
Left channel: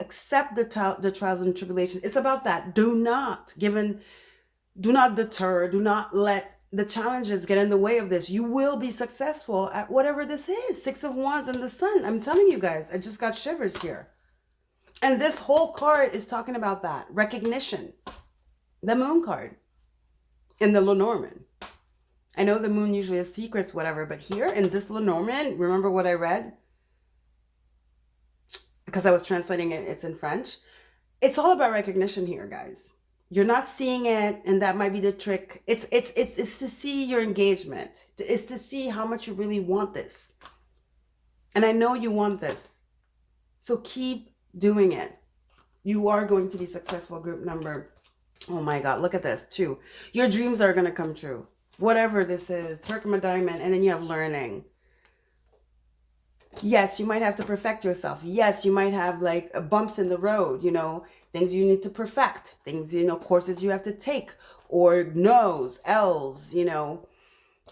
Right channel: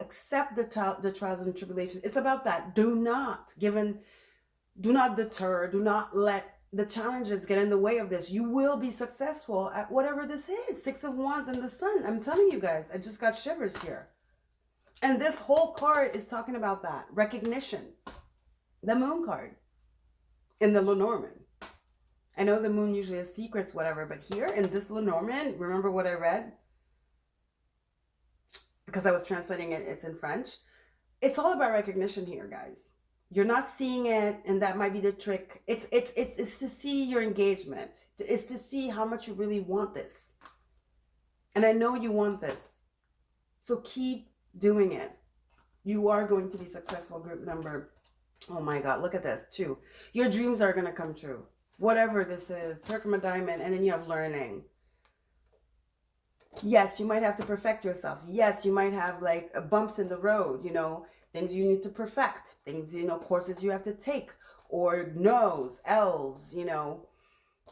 accept the trials and tribulations. It's about that. Do not deter. Do not let the challenges get in the way of this. You will be successful at whatever this is. 6 of Wands and the sun. I'm telling you guys, I just got shivers here. And this whole card is talking about that. Recognition. The moon card. And the Lenormand. I know the moon usually has secrets, whatever, but here in this Lenormand, remember what I read? Because I was translating it, it's in French. It's all about recognition here, guys. You're not seeing it, and that might be the trick. It's to see your engagement. It's to see how much you really want this. And I know you want this. So keep doing it. You are going to be successful, group number. Oh my God, look at this, 2. Your dreams are going to come true. Whatever this is, Herkimer Diamond, and then you have learning. Yes, you might have to perfect yourself. Yes, you might have like bumps in the road, you know, things you need to perfect, things, you know, courses you have to take, or no's, L's, you know,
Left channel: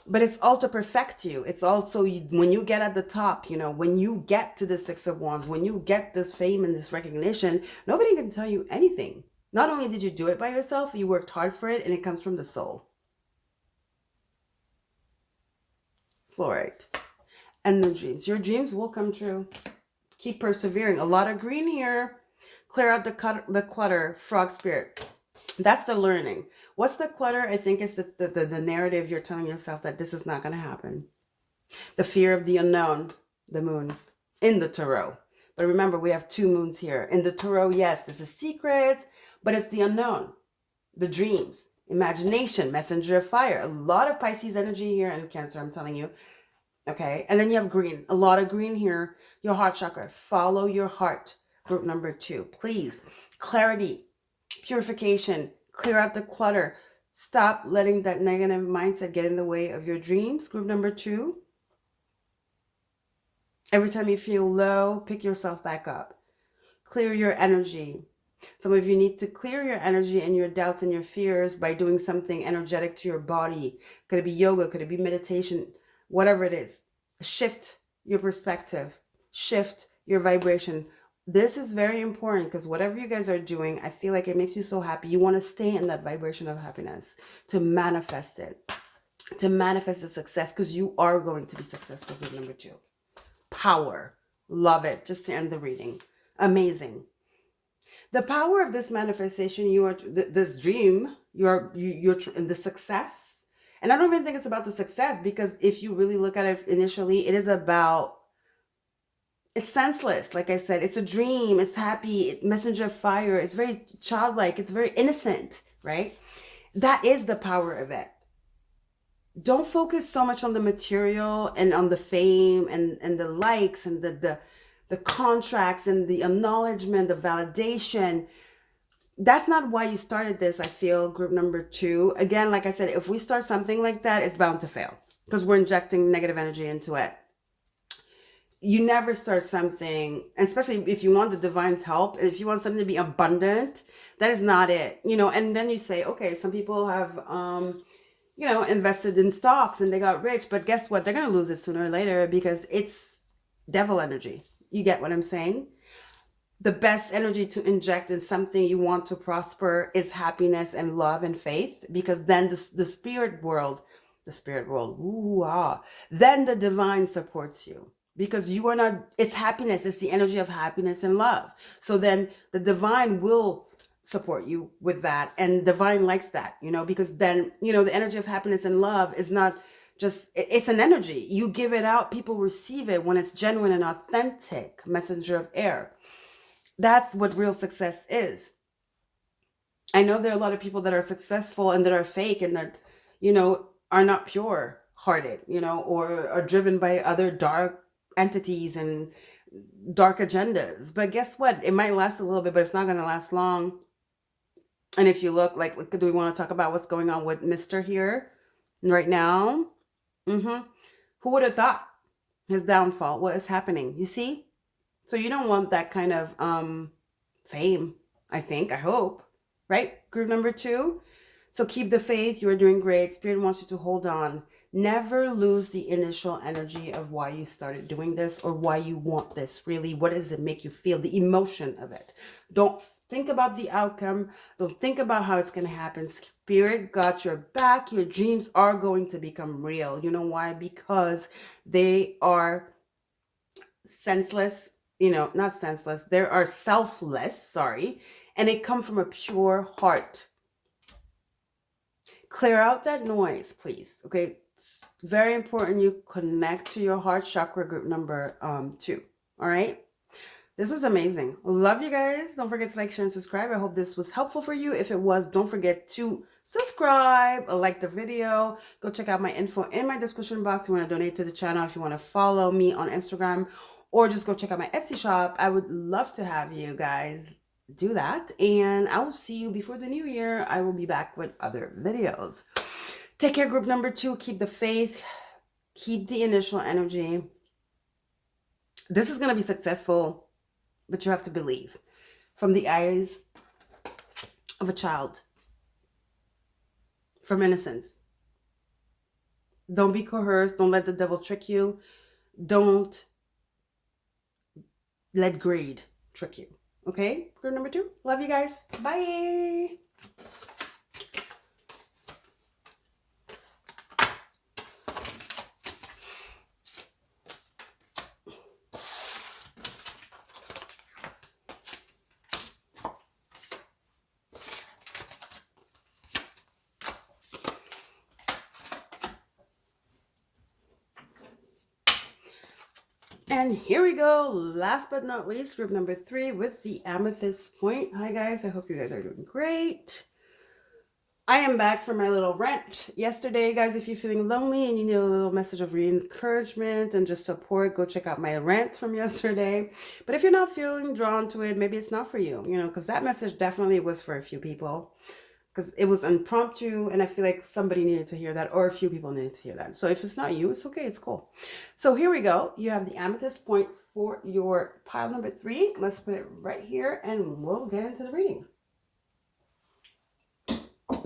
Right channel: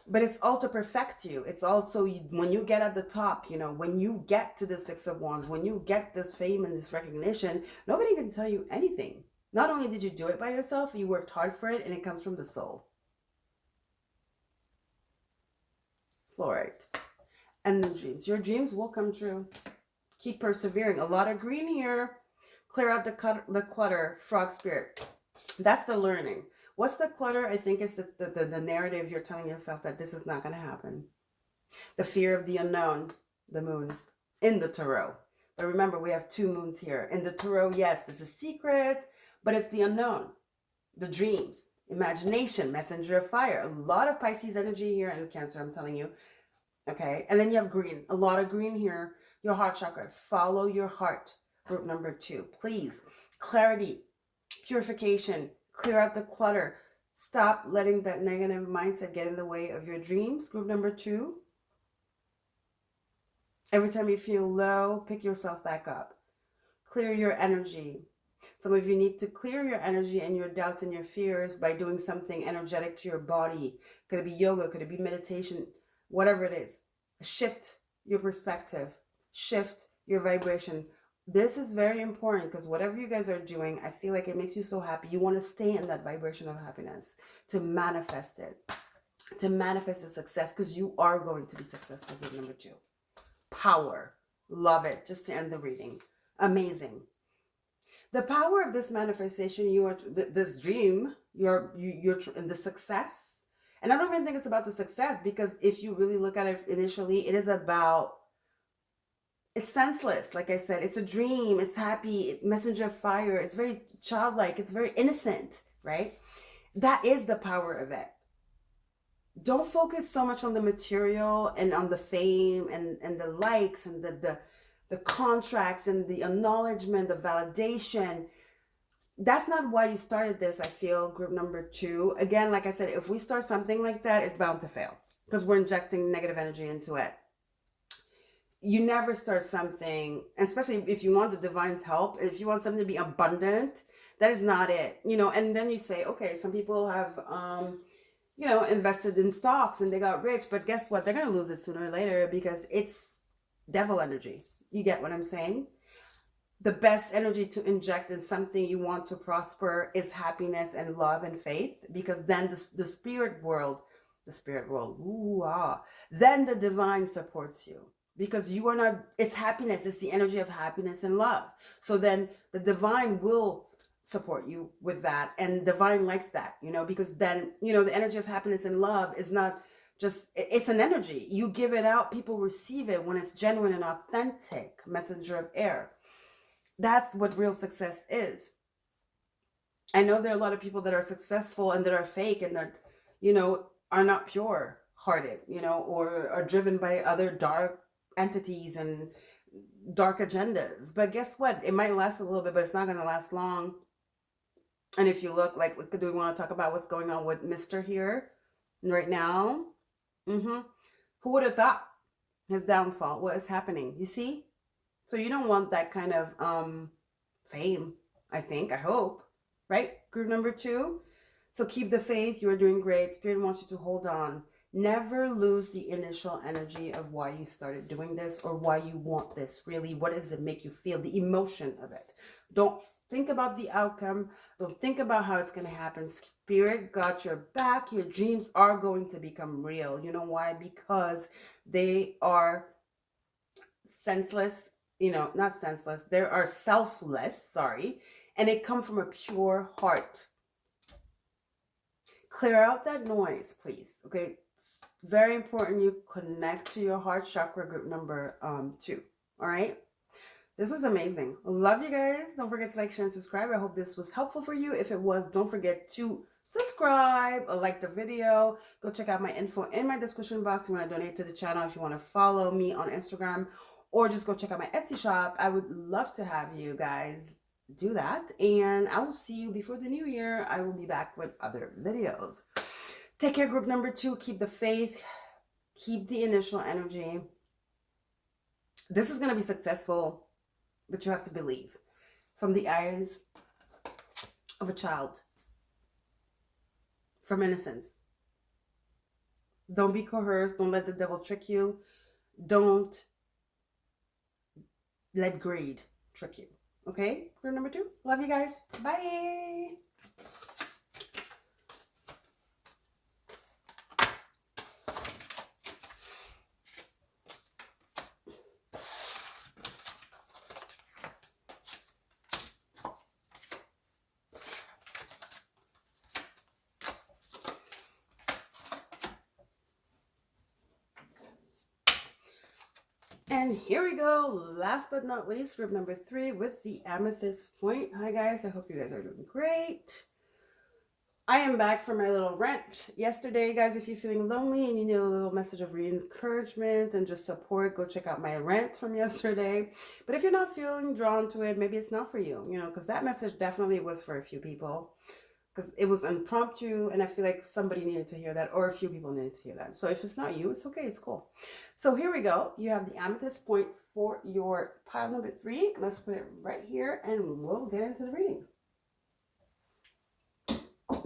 but it's all to perfect you. It's also when you get at the top, you know, when you get to the 6 of Wands, when you get this fame and this recognition, nobody can tell you anything. Not only did you do it by yourself, you worked hard for it, and it comes from the soul. Fluorite. And the dreams. Your dreams will come true. Keep persevering. A lot of green here. Clear out the clutter. Frog spirit. That's the learning. What's the clutter? I think it's the narrative you're telling yourself that this is not going to happen. The fear of the unknown. The moon. In the tarot. But remember, we have 2 moons here. In the tarot, yes, this is secrets, but it's the unknown. The dreams. Imagination. Messenger of fire. A lot of Pisces energy here and Cancer, I'm telling you. Okay. And then you have green, a lot of green here. Your heart chakra. Follow your heart. Group number 2. Please. Clarity, purification, clear out the clutter. Stop letting that negative mindset get in the way of your dreams. Group number 2. Every time you feel low, pick yourself back up. Clear your energy. Some of you need to clear your energy and your doubts and your fears by doing something energetic to your body. Could it be yoga? Could it be meditation? Whatever it is. Shift your perspective. Shift your vibration. This is very important because whatever you guys are doing, I feel like it makes you so happy. You want to stay in that vibration of happiness to manifest it, to manifest the success, because you are going to be successful. Group number 2. Power. Love it. Just to end the reading. Amazing. The power of this manifestation, this dream, you're in the success. And I don't even think it's about the success, because if you really look at it initially, it is about, it's senseless. Like I said, it's a dream. It's happy. Messenger of fire. It's very childlike. It's very innocent, right? That is the power of it. Don't focus so much on the material and on the fame and the likes and the contracts and the acknowledgement, the validation. That's not why you started this, I feel, group number 2. Again, like I said, if we start something like that, it's bound to fail because we're injecting negative energy into it. You never start something, especially if you want the divine's help, if you want something to be abundant, that is not it. And then you say, okay, some people have invested in stocks and they got rich, but guess what? They're going to lose it sooner or later because it's devil energy. You get what I'm saying? The best energy to inject in something you want to prosper is happiness and love and faith, because then the spirit world, then the divine supports you, because you are not, it's happiness, it's the energy of happiness and love. So then the divine will support you with that, and divine likes that, because then, the energy of happiness and love is not just, it's an energy. You give it out, people receive it when it's genuine and authentic, messenger of air. That's what real success is. I know there are a lot of people that are successful and that are fake and that, are not pure hearted, or are driven by other dark entities and dark agendas. But guess what? It might last a little bit, but it's not going to last long. And if you look, do we want to talk about what's going on with Mr. here right now? Who would have thought his downfall? What is happening? You see? So you don't want that kind of fame, I hope, right? Group number 2. So keep the faith. You are doing great. Spirit wants you to hold on. Never lose the initial energy of why you started doing this or why you want this. Really, what does it make you feel? The emotion of it. Don't think about the outcome. Don't think about how it's going to happen. Spirit got your back. Your dreams are going to become real. You know why? Because they are senseless. Not senseless. They are selfless, sorry. And they come from a pure heart. Clear out that noise, please. Okay. It's very important you connect to your heart chakra, group number 2. All right. This was amazing. Love you guys. Don't forget to like, share, and subscribe. I hope this was helpful for you. If it was, don't forget to subscribe, like the video. Go check out my info in my description box if you want to donate to the channel, if you want to follow me on Instagram, or just go check out my Etsy shop. I would love to have you guys do that. And I will see you before the new year. I will be back with other videos. Take care, group number 2. Keep the faith. Keep the initial energy. This is going to be successful, but you have to believe from the eyes of a child, from innocence. Don't be coerced. Don't let the devil trick you. Don't let greed trick you. Okay? Group number 2. Love you guys. Bye. And here we go. Last but not least, group number 3 with the amethyst point. Hi guys, I hope you guys are doing great. I am back from my little rant yesterday, guys. If you're feeling lonely and you need a little message of encouragement and just support, go check out my rant from yesterday. But if you're not feeling drawn to it, maybe it's not for you, because that message definitely was for a few people because it was impromptu and I feel like somebody needed to hear that or a few people needed to hear that. So if it's not you, it's okay, it's cool. So here we go. You have the amethyst point for your pile number 3. Let's put it right here and we'll get into the reading.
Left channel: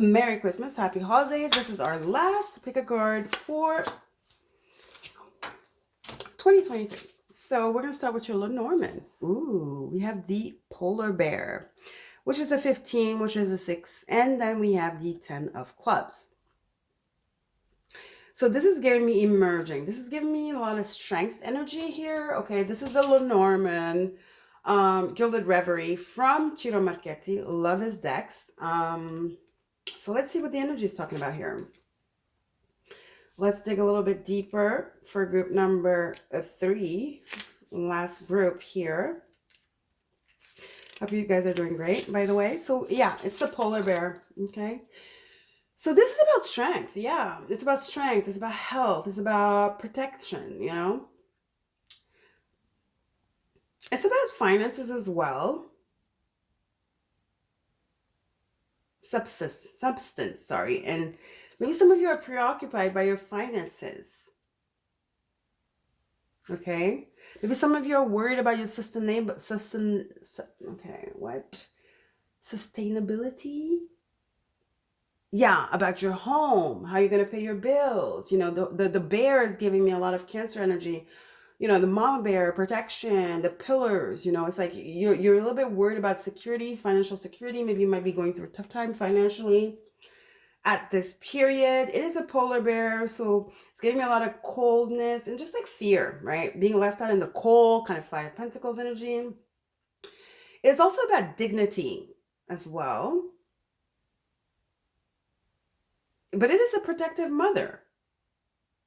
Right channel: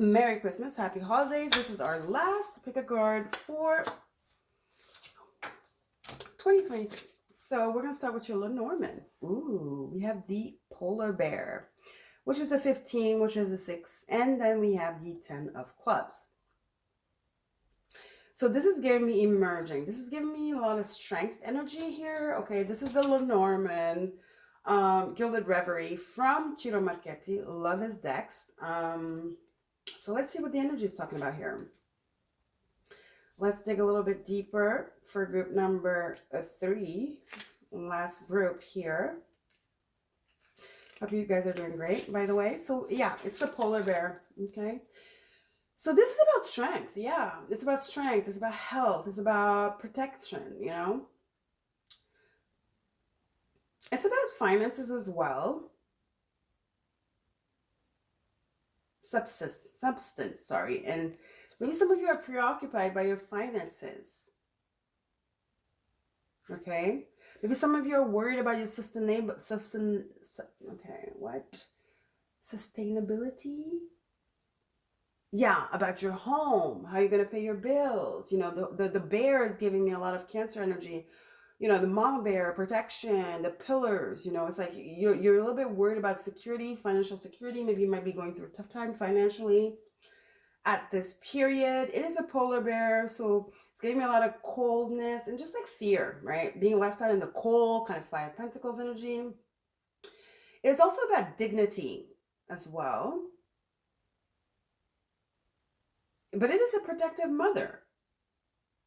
Merry Christmas, happy holidays. This is our last pick a card for 2023. So we're going to start with your Lenormand. Ooh, we have the polar bear, which is a 15, which is a 6. And then we have the 10 of clubs. So this is giving me emerging. This is giving me a lot of strength energy here. Okay, this is the Lenormand Gilded Reverie from Ciro Marchetti. Love his decks. So let's see what the energy is talking about here. Let's dig a little bit deeper for group number 3. Last group here. Hope you guys are doing great, by the way. So yeah, it's the polar bear, okay? So this is about strength, yeah. It's about strength, it's about health, it's about protection, It's about finances as well. Substance, sorry. And maybe some of you are preoccupied by your finances. Okay? Maybe some of you are worried about your sustainability? Yeah, about your home, how you're going to pay your bills. The bear is giving me a lot of Cancer energy. The mama bear, protection, the pillars, it's like you're a little bit worried about security, financial security. Maybe you might be going through a tough time financially at this period. It is a polar bear, so it's giving me a lot of coldness and just like fear, right? Being left out in the cold, kind of 5 of Pentacles energy. It's also about dignity as well. But it is a protective mother,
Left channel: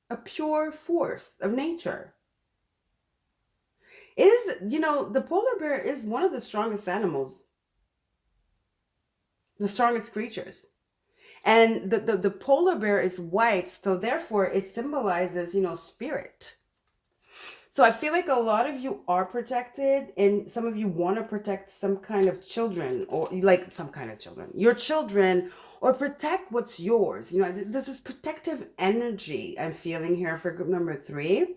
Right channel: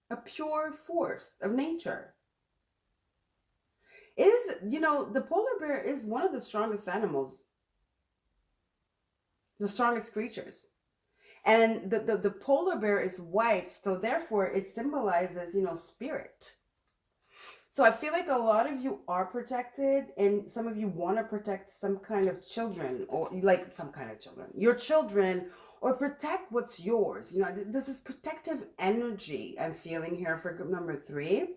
a pure force of nature. It is, the polar bear is one of the strongest animals, the strongest creatures. And the polar bear is white, so therefore it symbolizes, spirit. So I feel like a lot of you are protected, and some of you want to protect some kind of children, or like some kind of children, your children, or protect what's yours. This is protective energy I'm feeling here for group number 3.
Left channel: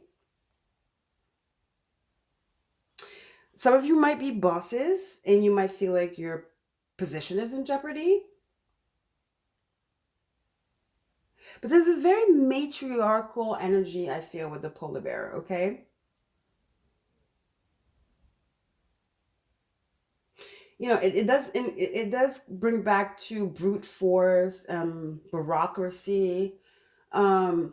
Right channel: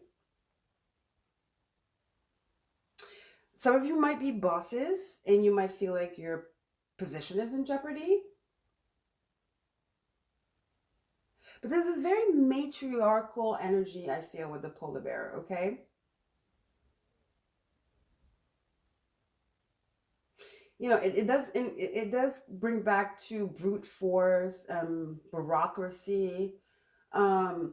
Some of you might be bosses and you might feel like your position is in jeopardy. But there's this very matriarchal energy I feel with the polar bear, okay? It does bring back to brute force, bureaucracy, and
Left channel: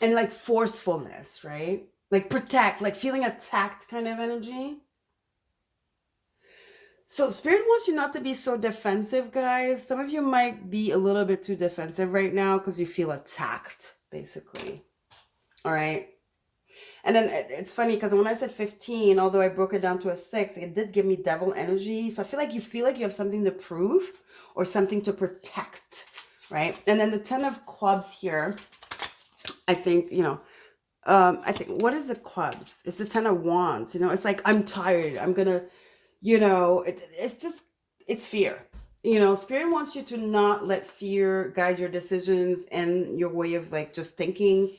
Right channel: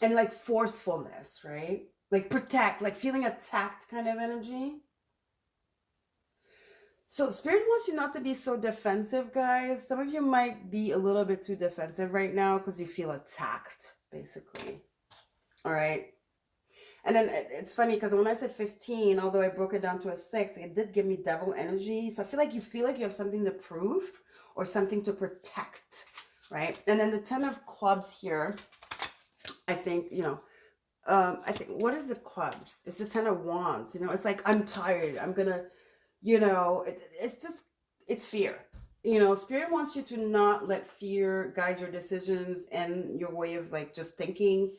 like forcefulness, right? Like protect, like feeling attacked kind of energy. So Spirit wants you not to be so defensive, guys. Some of you might be a little bit too defensive right now because you feel attacked, basically. All right. And then it's funny because when I said 15, although I broke it down to a 6, it did give me devil energy. So I feel like you have something to prove or something to protect, right? And then the 10 of clubs here, I think, what is the clubs? It's the 10 of wands. It's like, I'm tired. I'm going to, it's fear. Spirit wants you to not let fear guide your decisions and your way of like just thinking.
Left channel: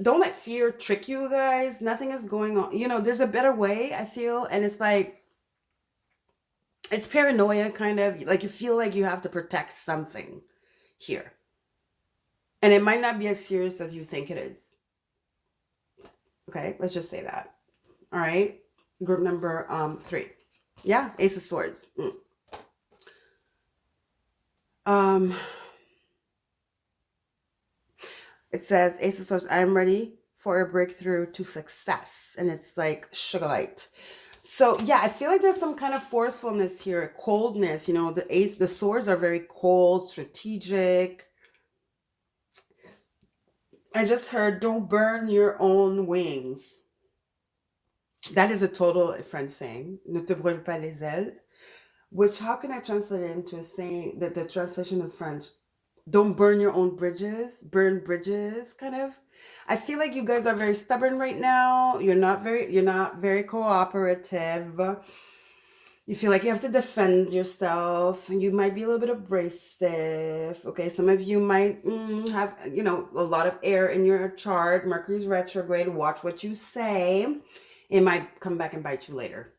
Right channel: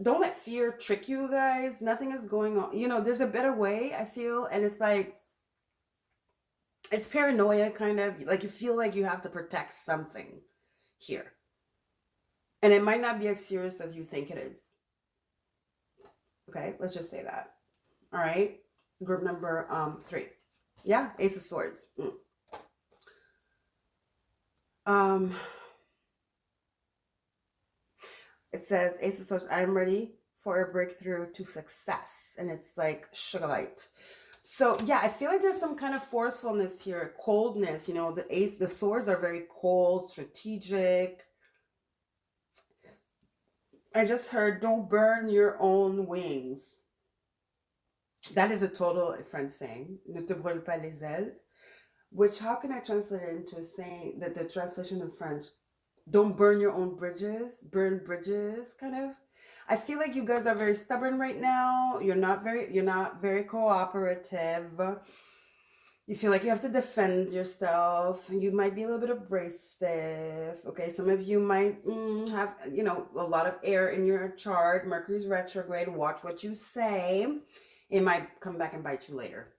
Don't let fear trick you, guys. Nothing is going on. There's a better way, I feel. And it's like, it's paranoia kind of. Like you feel like you have to protect something here. And it might not be as serious as you think it is. Okay, let's just say that. All right. Group number 3. Yeah, Ace of Swords. It says, Ace of Swords, I'm ready for a breakthrough to success. And it's like sugar light. So yeah, I feel like there's some kind of forcefulness here, coldness. The swords are very cold, strategic. I just heard, don't burn your own wings. That is a total French saying. Ne te brûle pas les ailes. which how can I translate it into saying that the translation in French? Don't burn your own bridges, burn bridges, kind of. I feel like you guys are very stubborn right now. You're not very cooperative. You feel like you have to defend yourself. You might be a little bit abrasive. Okay, some of you might have, a lot of air in your chart. Mercury's retrograde. Watch what you say. It might come back and bite you later.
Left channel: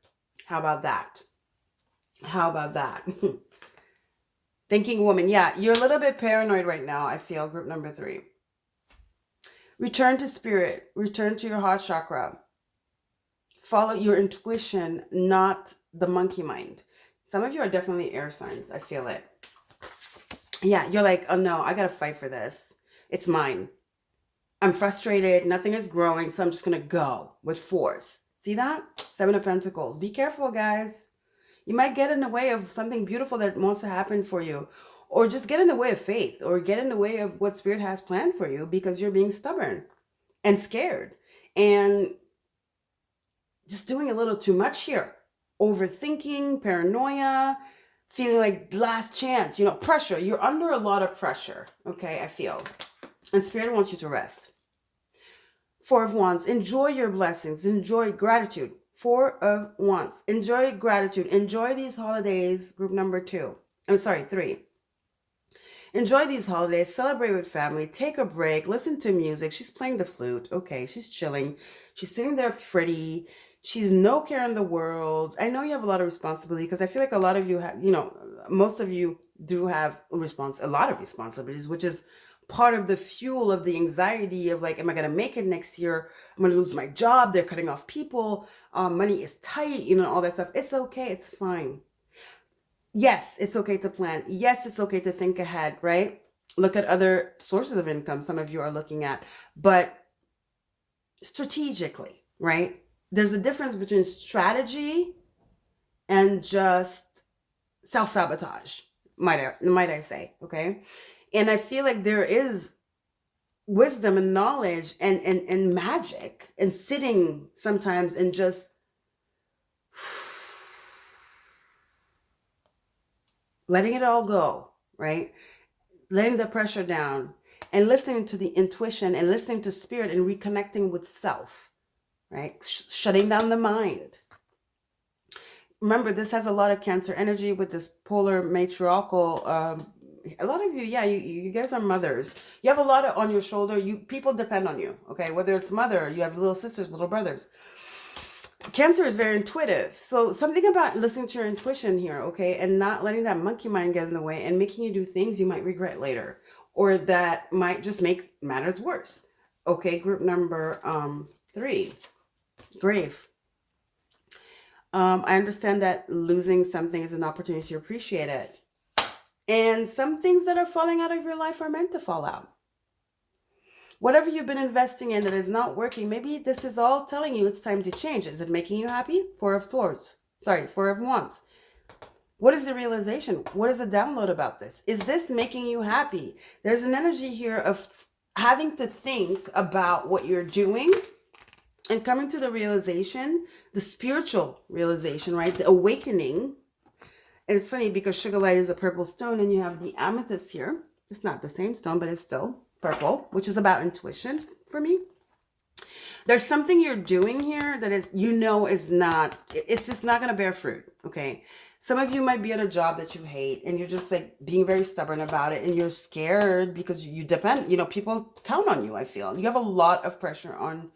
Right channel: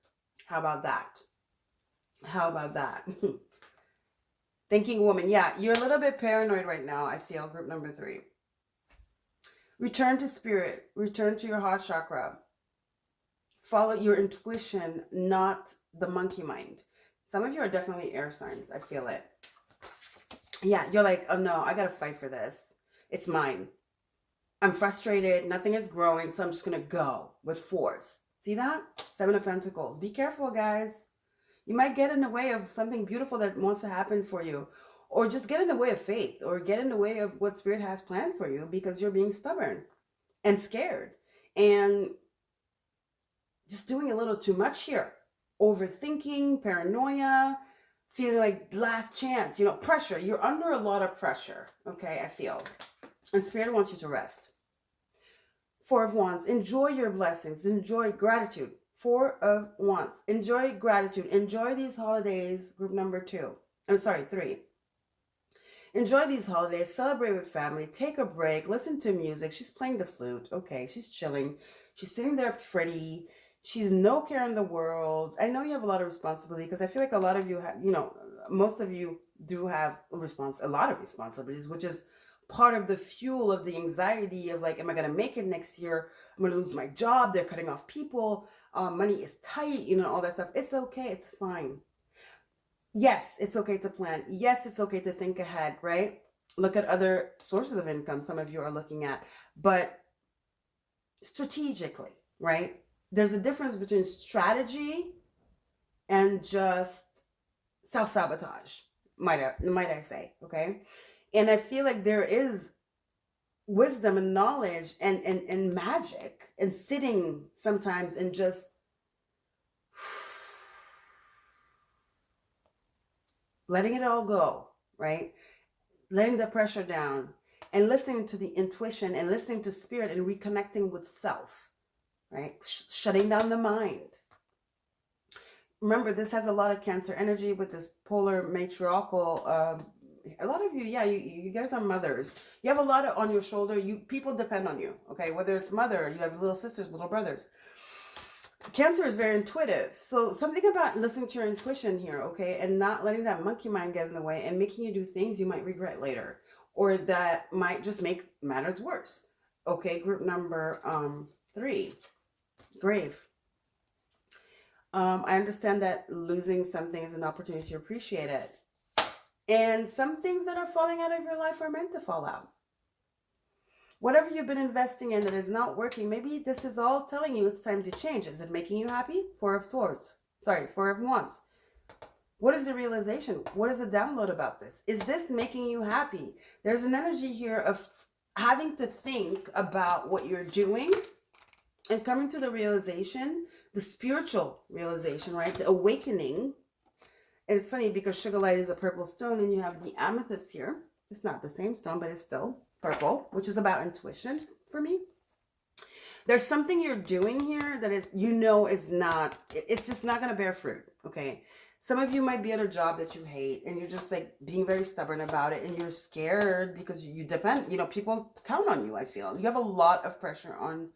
How about that? How about that? Thinking woman. Yeah, you're a little bit paranoid right now, I feel, group number 3. Return to spirit. Return to your heart chakra. Follow your intuition, not the monkey mind. Some of you are definitely air signs. I feel it. Yeah, you're like, oh no, I gotta fight for this. It's mine. I'm frustrated. Nothing is growing, so I'm just gonna go with force. See that? 7 of Pentacles. Be careful, guys. You might get in the way of something beautiful that wants to happen for you, or just get in the way of faith, or get in the way of what Spirit has planned for you because you're being stubborn and scared and just doing a little too much here. Overthinking, paranoia, feeling like last chance, pressure. You're under a lot of pressure, okay, I feel. And Spirit wants you to rest. 4 of Wands. Enjoy your blessings. Enjoy gratitude. 4 of Wands. Enjoy gratitude. Enjoy these holidays, group number 2. I'm sorry, 3. Enjoy these holidays. Celebrate with family. Take a break. Listen to music. She's playing the flute. Okay, she's chilling. She's sitting there pretty. She's no care in the world. I know you have a lot of responsibility because I feel like a lot of you have, most of you do have a lot of responsibilities, which is part of the fuel of the anxiety of like, am I going to make it next year? I'm going to lose my job. They're cutting off people. Money is tight, all that stuff. It's okay. It's fine. Yes, it's okay to plan. Yes, it's okay to think ahead, right? Look at other sources of income some of you are looking at, but strategically, right? There's a difference between strategy and just self-sabotage, might I say, okay? And I feel like there is wisdom and knowledge and magic and sitting sometimes and just letting it all go, right? Letting the pressure down and listening to the intuition and listening to Spirit and reconnecting with self, right? Shutting down the mind. Remember, this has a lot of Cancer energy with this polar matriarchal. A lot of you, yeah, you guys are mothers. You have a lot on your shoulder. People depend on you, okay? Whether it's mother, you have little sisters, little brothers. Cancer is very intuitive. So something about listening to your intuition here, okay? And not letting that monkey mind get in the way and making you do things you might regret later. Or that might just make matters worse. Okay, group number 3. Grave. I understand that losing something is an opportunity to appreciate it. And some things that are falling out of your life are meant to fall out. Whatever you've been investing in that is not working, maybe this is all telling you it's time to change. Is it making you happy? 4 of Wands. What is the realization? What is the download about this? Is this making you happy? There's an energy here of having to think about what you're doing and coming to the realization, the spiritual realization, right? The awakening. And it's funny because sugar light is a purple stone and you have the amethyst here. It's not the same stone, but it's still purple, which is about intuition for me. There's something you're doing here that is, is not, it's just not going to bear fruit. Okay. Some of you might be at a job that you hate and you're just like being very stubborn about it and you're scared because you depend, people count on you. I feel you have a lot of pressure on.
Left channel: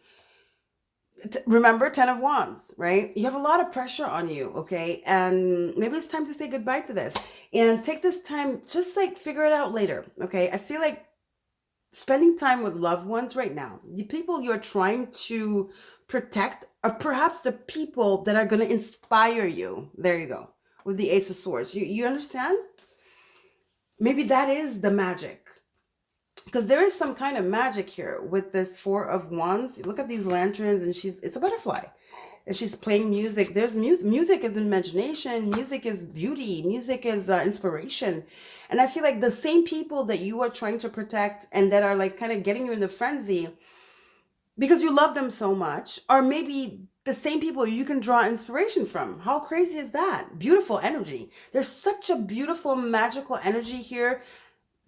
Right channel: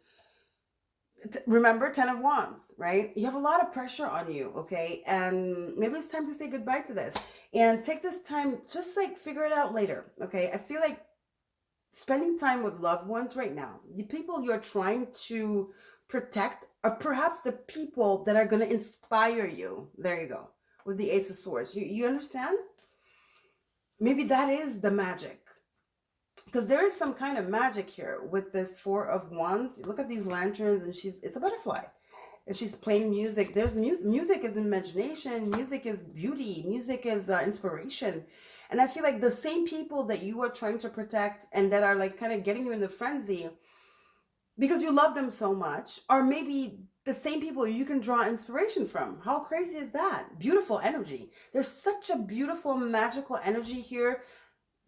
Remember 10 of Wands, right? You have a lot of pressure on you, okay? And maybe it's time to say goodbye to this and take this time, just like figure it out later, okay? I feel like spending time with loved ones right now, the people you're trying to protect are perhaps the people that are going to inspire you. There you go, with the Ace of Swords. You understand? Maybe that is the magic. Because there is some kind of magic here with this 4 of Wands. Look at these lanterns and it's a butterfly. And she's playing music. There's music. Music is imagination. Music is beauty. Music is inspiration. And I feel like the same people that you are trying to protect and that are like kind of getting you in the frenzy because you love them so much are maybe the same people you can draw inspiration from. How crazy is that? Beautiful energy. There's such a beautiful, magical energy here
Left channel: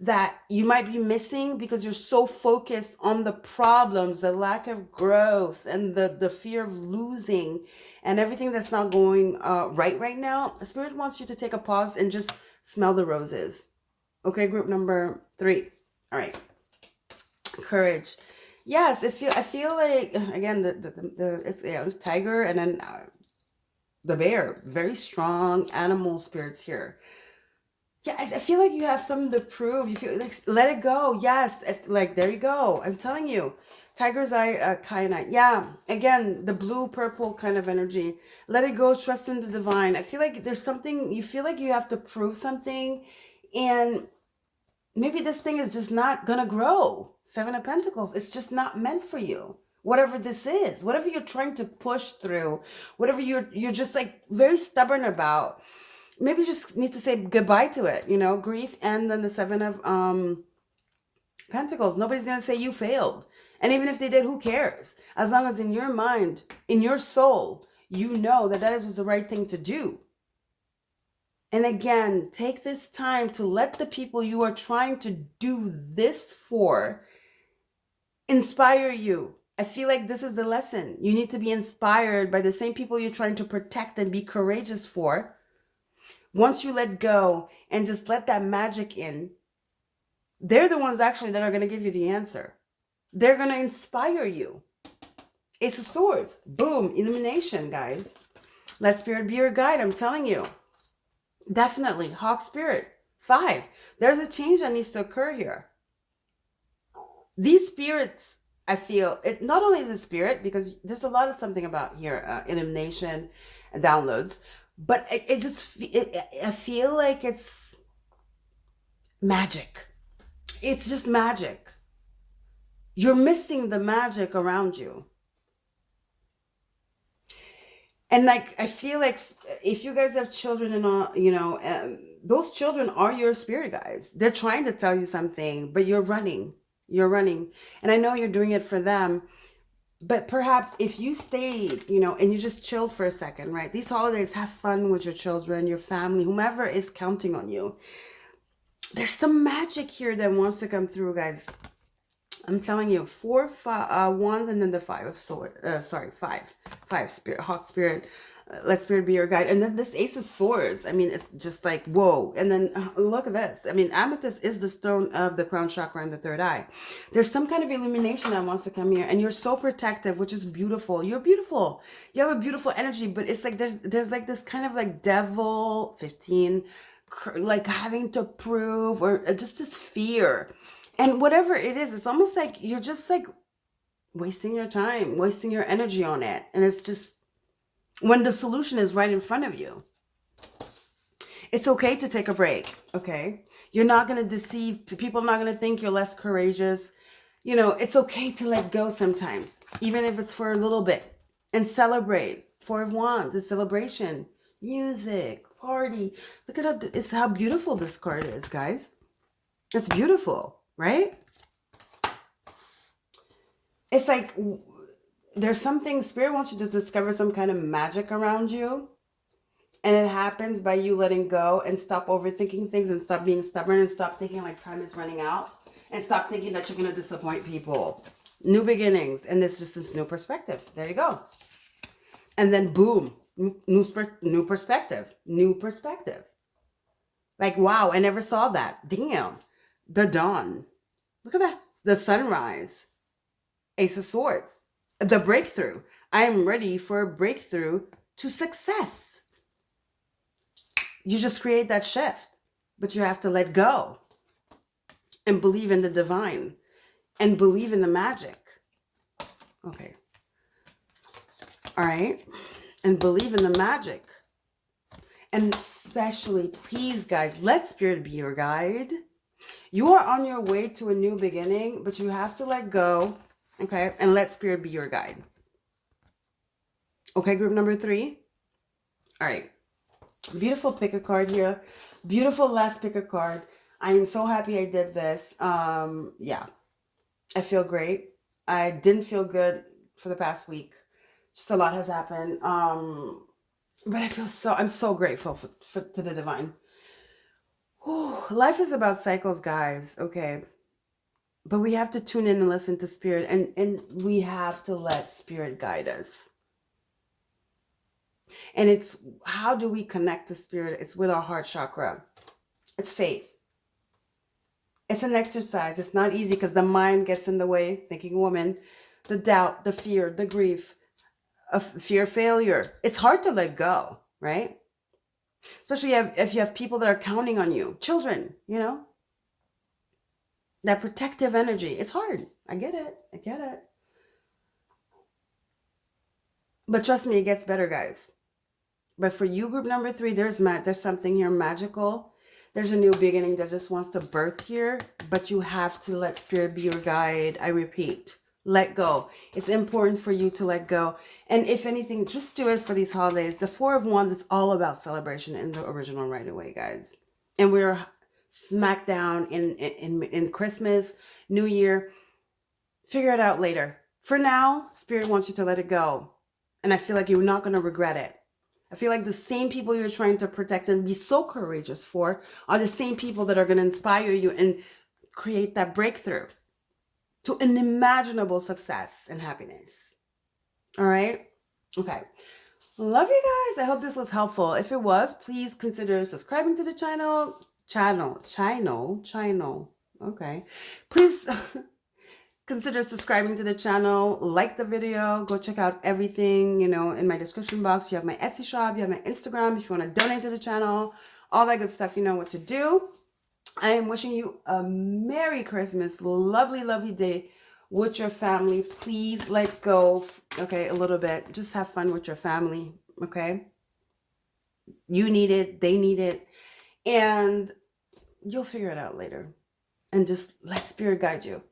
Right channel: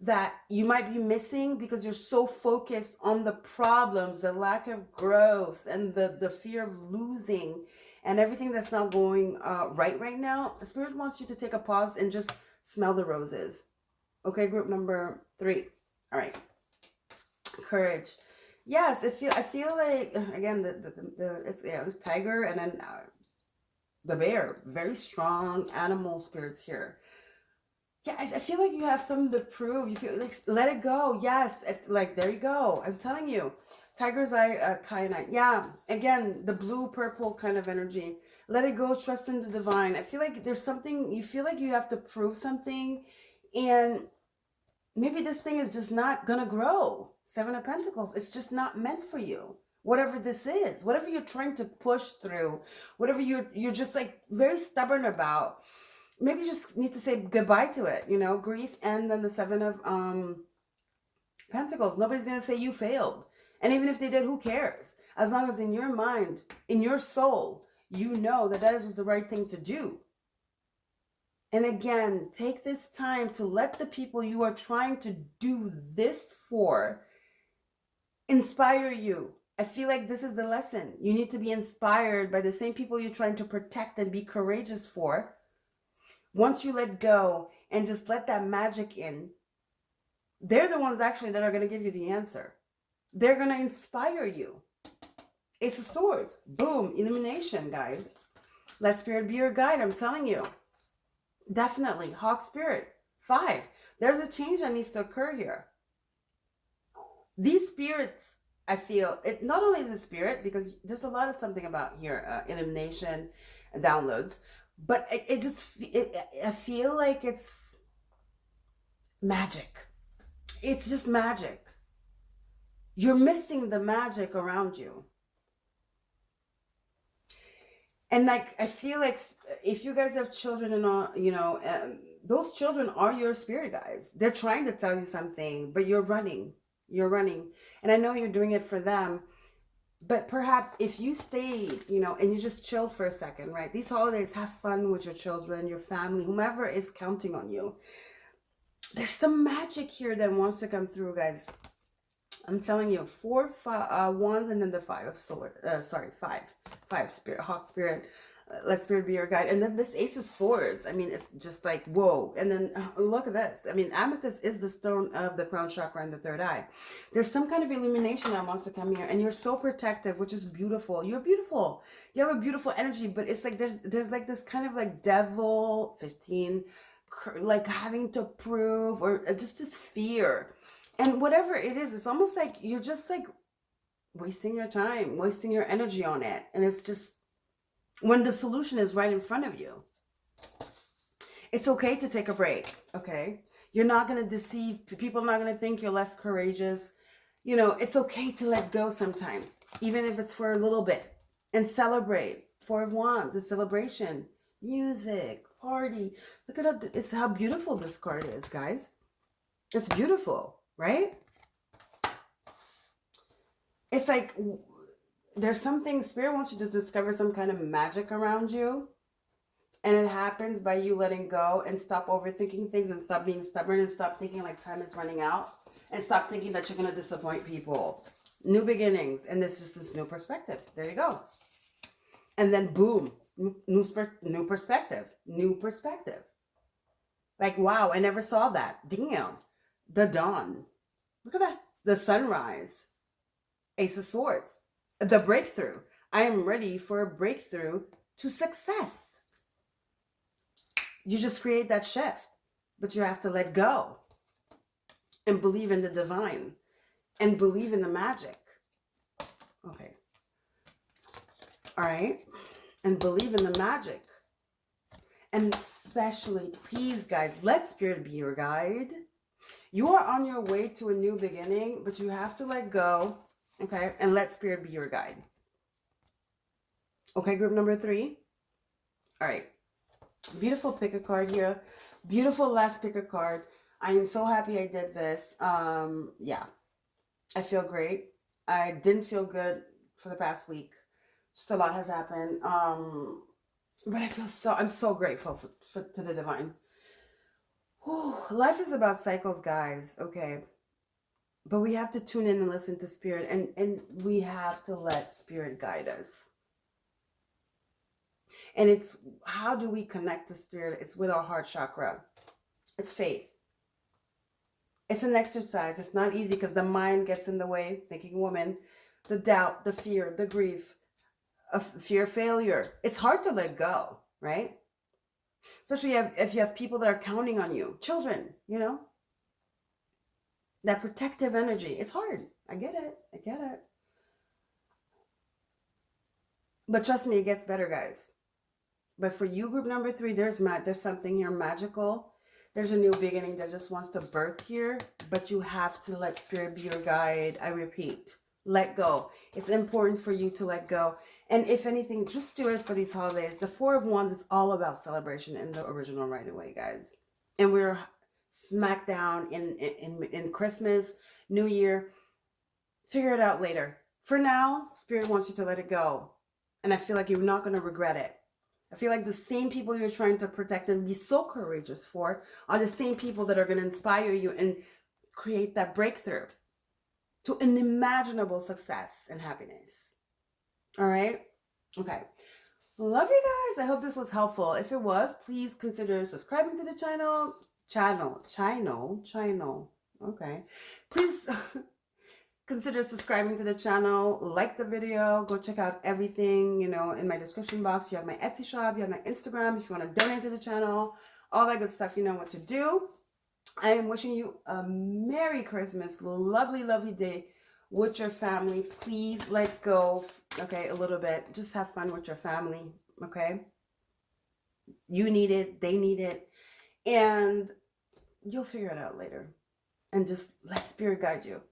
that you might be missing because you're so focused on the problems, the lack of growth, and the fear of losing, and everything that's not going right now. Spirit wants you to take a pause and just smell the roses. Okay, group number 3. All right. Courage. Yes, I feel like, again, the it's tiger, and then the bear. Very strong animal spirits here. Yeah, I feel like you have something to prove. You feel like, let it go. Yes, like, there you go. I'm telling you. Tiger's eye, kyanite. Yeah, again, the blue purple kind of energy. Let it go. Trust in the divine. I feel like there's something, you feel like you have to prove something, and maybe this thing is just not gonna grow. 7 of Pentacles. It's just not meant for you. Whatever this is, whatever you're trying to push through, whatever you're just like very stubborn about. Maybe you just need to say goodbye to it, grief. And then the 7 of Pentacles. Nobody's going to say you failed. And even if they did, who cares? As long as in your mind, in your soul, you know that was the right thing to do. And again, take this time to let the people you are trying to do this for inspire you. I feel like this is the lesson. You need to be inspired by the same people you're trying to protect and be courageous for. Once you let go and just let that magic in, they're the ones actually that are going to give you the answer. They're going to inspire you. Ace of Swords. Boom. Illumination, guys. Let Spirit be your guide. I'm telling you. Definitely. Hawk Spirit. 5. There's a change that needs to occur here. These spirits, I feel, it not only is it spirit, because there's a lot of something about here, illumination, downloads, but I feel like it's magic. It's just magic. You're missing the magic around you. And like, I feel like if you guys have children and all, those children are your spirit guides. They're trying to tell you something, but you're running. You're running. And I know you're doing it for them. But perhaps if you stayed, and you just chilled for a second, right? These holidays, have fun with your children, your family, whomever is counting on you. There's some magic here that wants to come through, guys. I'm telling you, 4 wands, and then the 5 of swords. 5 spirit, Hawk Spirit. Let Spirit be your guide. And then this Ace of Swords. I mean, it's just like, whoa. And then look at this. I mean, Amethyst is the stone of the crown chakra and the third eye. There's some kind of illumination that wants to come here. And you're so protective, which is beautiful. You're beautiful. You have a beautiful energy. But it's like there's like this kind of like devil, 15, like having to prove, or just this fear. And whatever it is, it's almost like you're just like wasting your time, wasting your energy on it. And it's just, when the solution is right in front of you. It's okay to take a break, okay? You're not going to deceive. People are not going to think you're less courageous. It's okay to let go sometimes, even if it's for a little bit, and celebrate. 4 of Wands, it's celebration, music, party. Look at how beautiful this card is, guys. It's beautiful, right? It's like, there's something, Spirit wants you to discover some kind of magic around you. And it happens by you letting go and stop overthinking things, and stop being stubborn, and stop thinking like time is running out, and stop thinking that you're going to disappoint people. New beginnings. And it's just this new perspective. There you go. And then boom, new perspective. New perspective. Like, wow, I never saw that. Damn. The dawn. Look at that. The sunrise. Ace of Swords. The breakthrough. I am ready for a breakthrough to success. You just create that shift, but you have to let go and believe in the divine and believe in the magic. Okay. All right. And believe in the magic. And especially, please, guys, let Spirit be your guide. You are on your way to a new beginning, but you have to let go. Okay, and let Spirit be your guide. Okay, group number 3. All right. Beautiful pick a card here. Beautiful last pick a card. I am so happy I did this. Yeah. I feel great. I didn't feel good for the past week. Just a lot has happened. But I'm so grateful to the divine. Whew, life is about cycles, guys. Okay. But we have to tune in and listen to spirit, and we have to let spirit guide us. And it's, how do we connect to spirit? It's with our heart chakra. It's faith. It's an exercise. It's not easy because the mind gets in the way, thinking woman, the doubt, the fear, the grief, of fear of failure. It's hard to let go, right? Especially if you have people that are counting on you, children, you know, that protective energy. It's hard. I get it. I get it. But trust me, it gets better, guys. But for you, group number 3, there's something here magical. There's a new beginning that just wants to birth here, but you have to let spirit be your guide. I repeat, let go. It's important for you to let go. And if anything, just do it for these holidays. The 4 of Wands is all about celebration in the original right away, guys. And we're smack down in Christmas, New Year. Figure it out later. For now, spirit wants you to let it go. And I feel like you're not going to regret it. I feel like the same people you're trying to protect and be so courageous for are the same people that are going to inspire you and create that breakthrough to unimaginable success and happiness. All right? Okay. Love you guys. I hope this was helpful. If it was, please consider subscribing to the channel. Okay. Please consider subscribing to the channel, like the video, go check out everything, you know, in my description box. You have my Etsy shop, you have my Instagram if you want to donate to the channel, all that good stuff, you know what to do. I am wishing you a Merry Christmas, lovely, lovely day with your family. Please let go, okay, a little bit. Just have fun with your family, okay? You need it, they need it, and you'll figure it out later. And just let spirit guide you.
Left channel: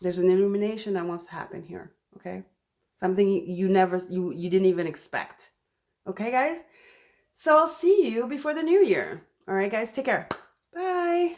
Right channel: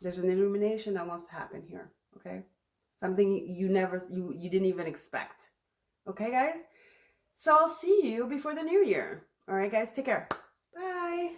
There's an illumination that wants to happen here, okay? Something you didn't even expect. Okay, guys? So I'll see you before the new year. All right, guys, take care. Bye.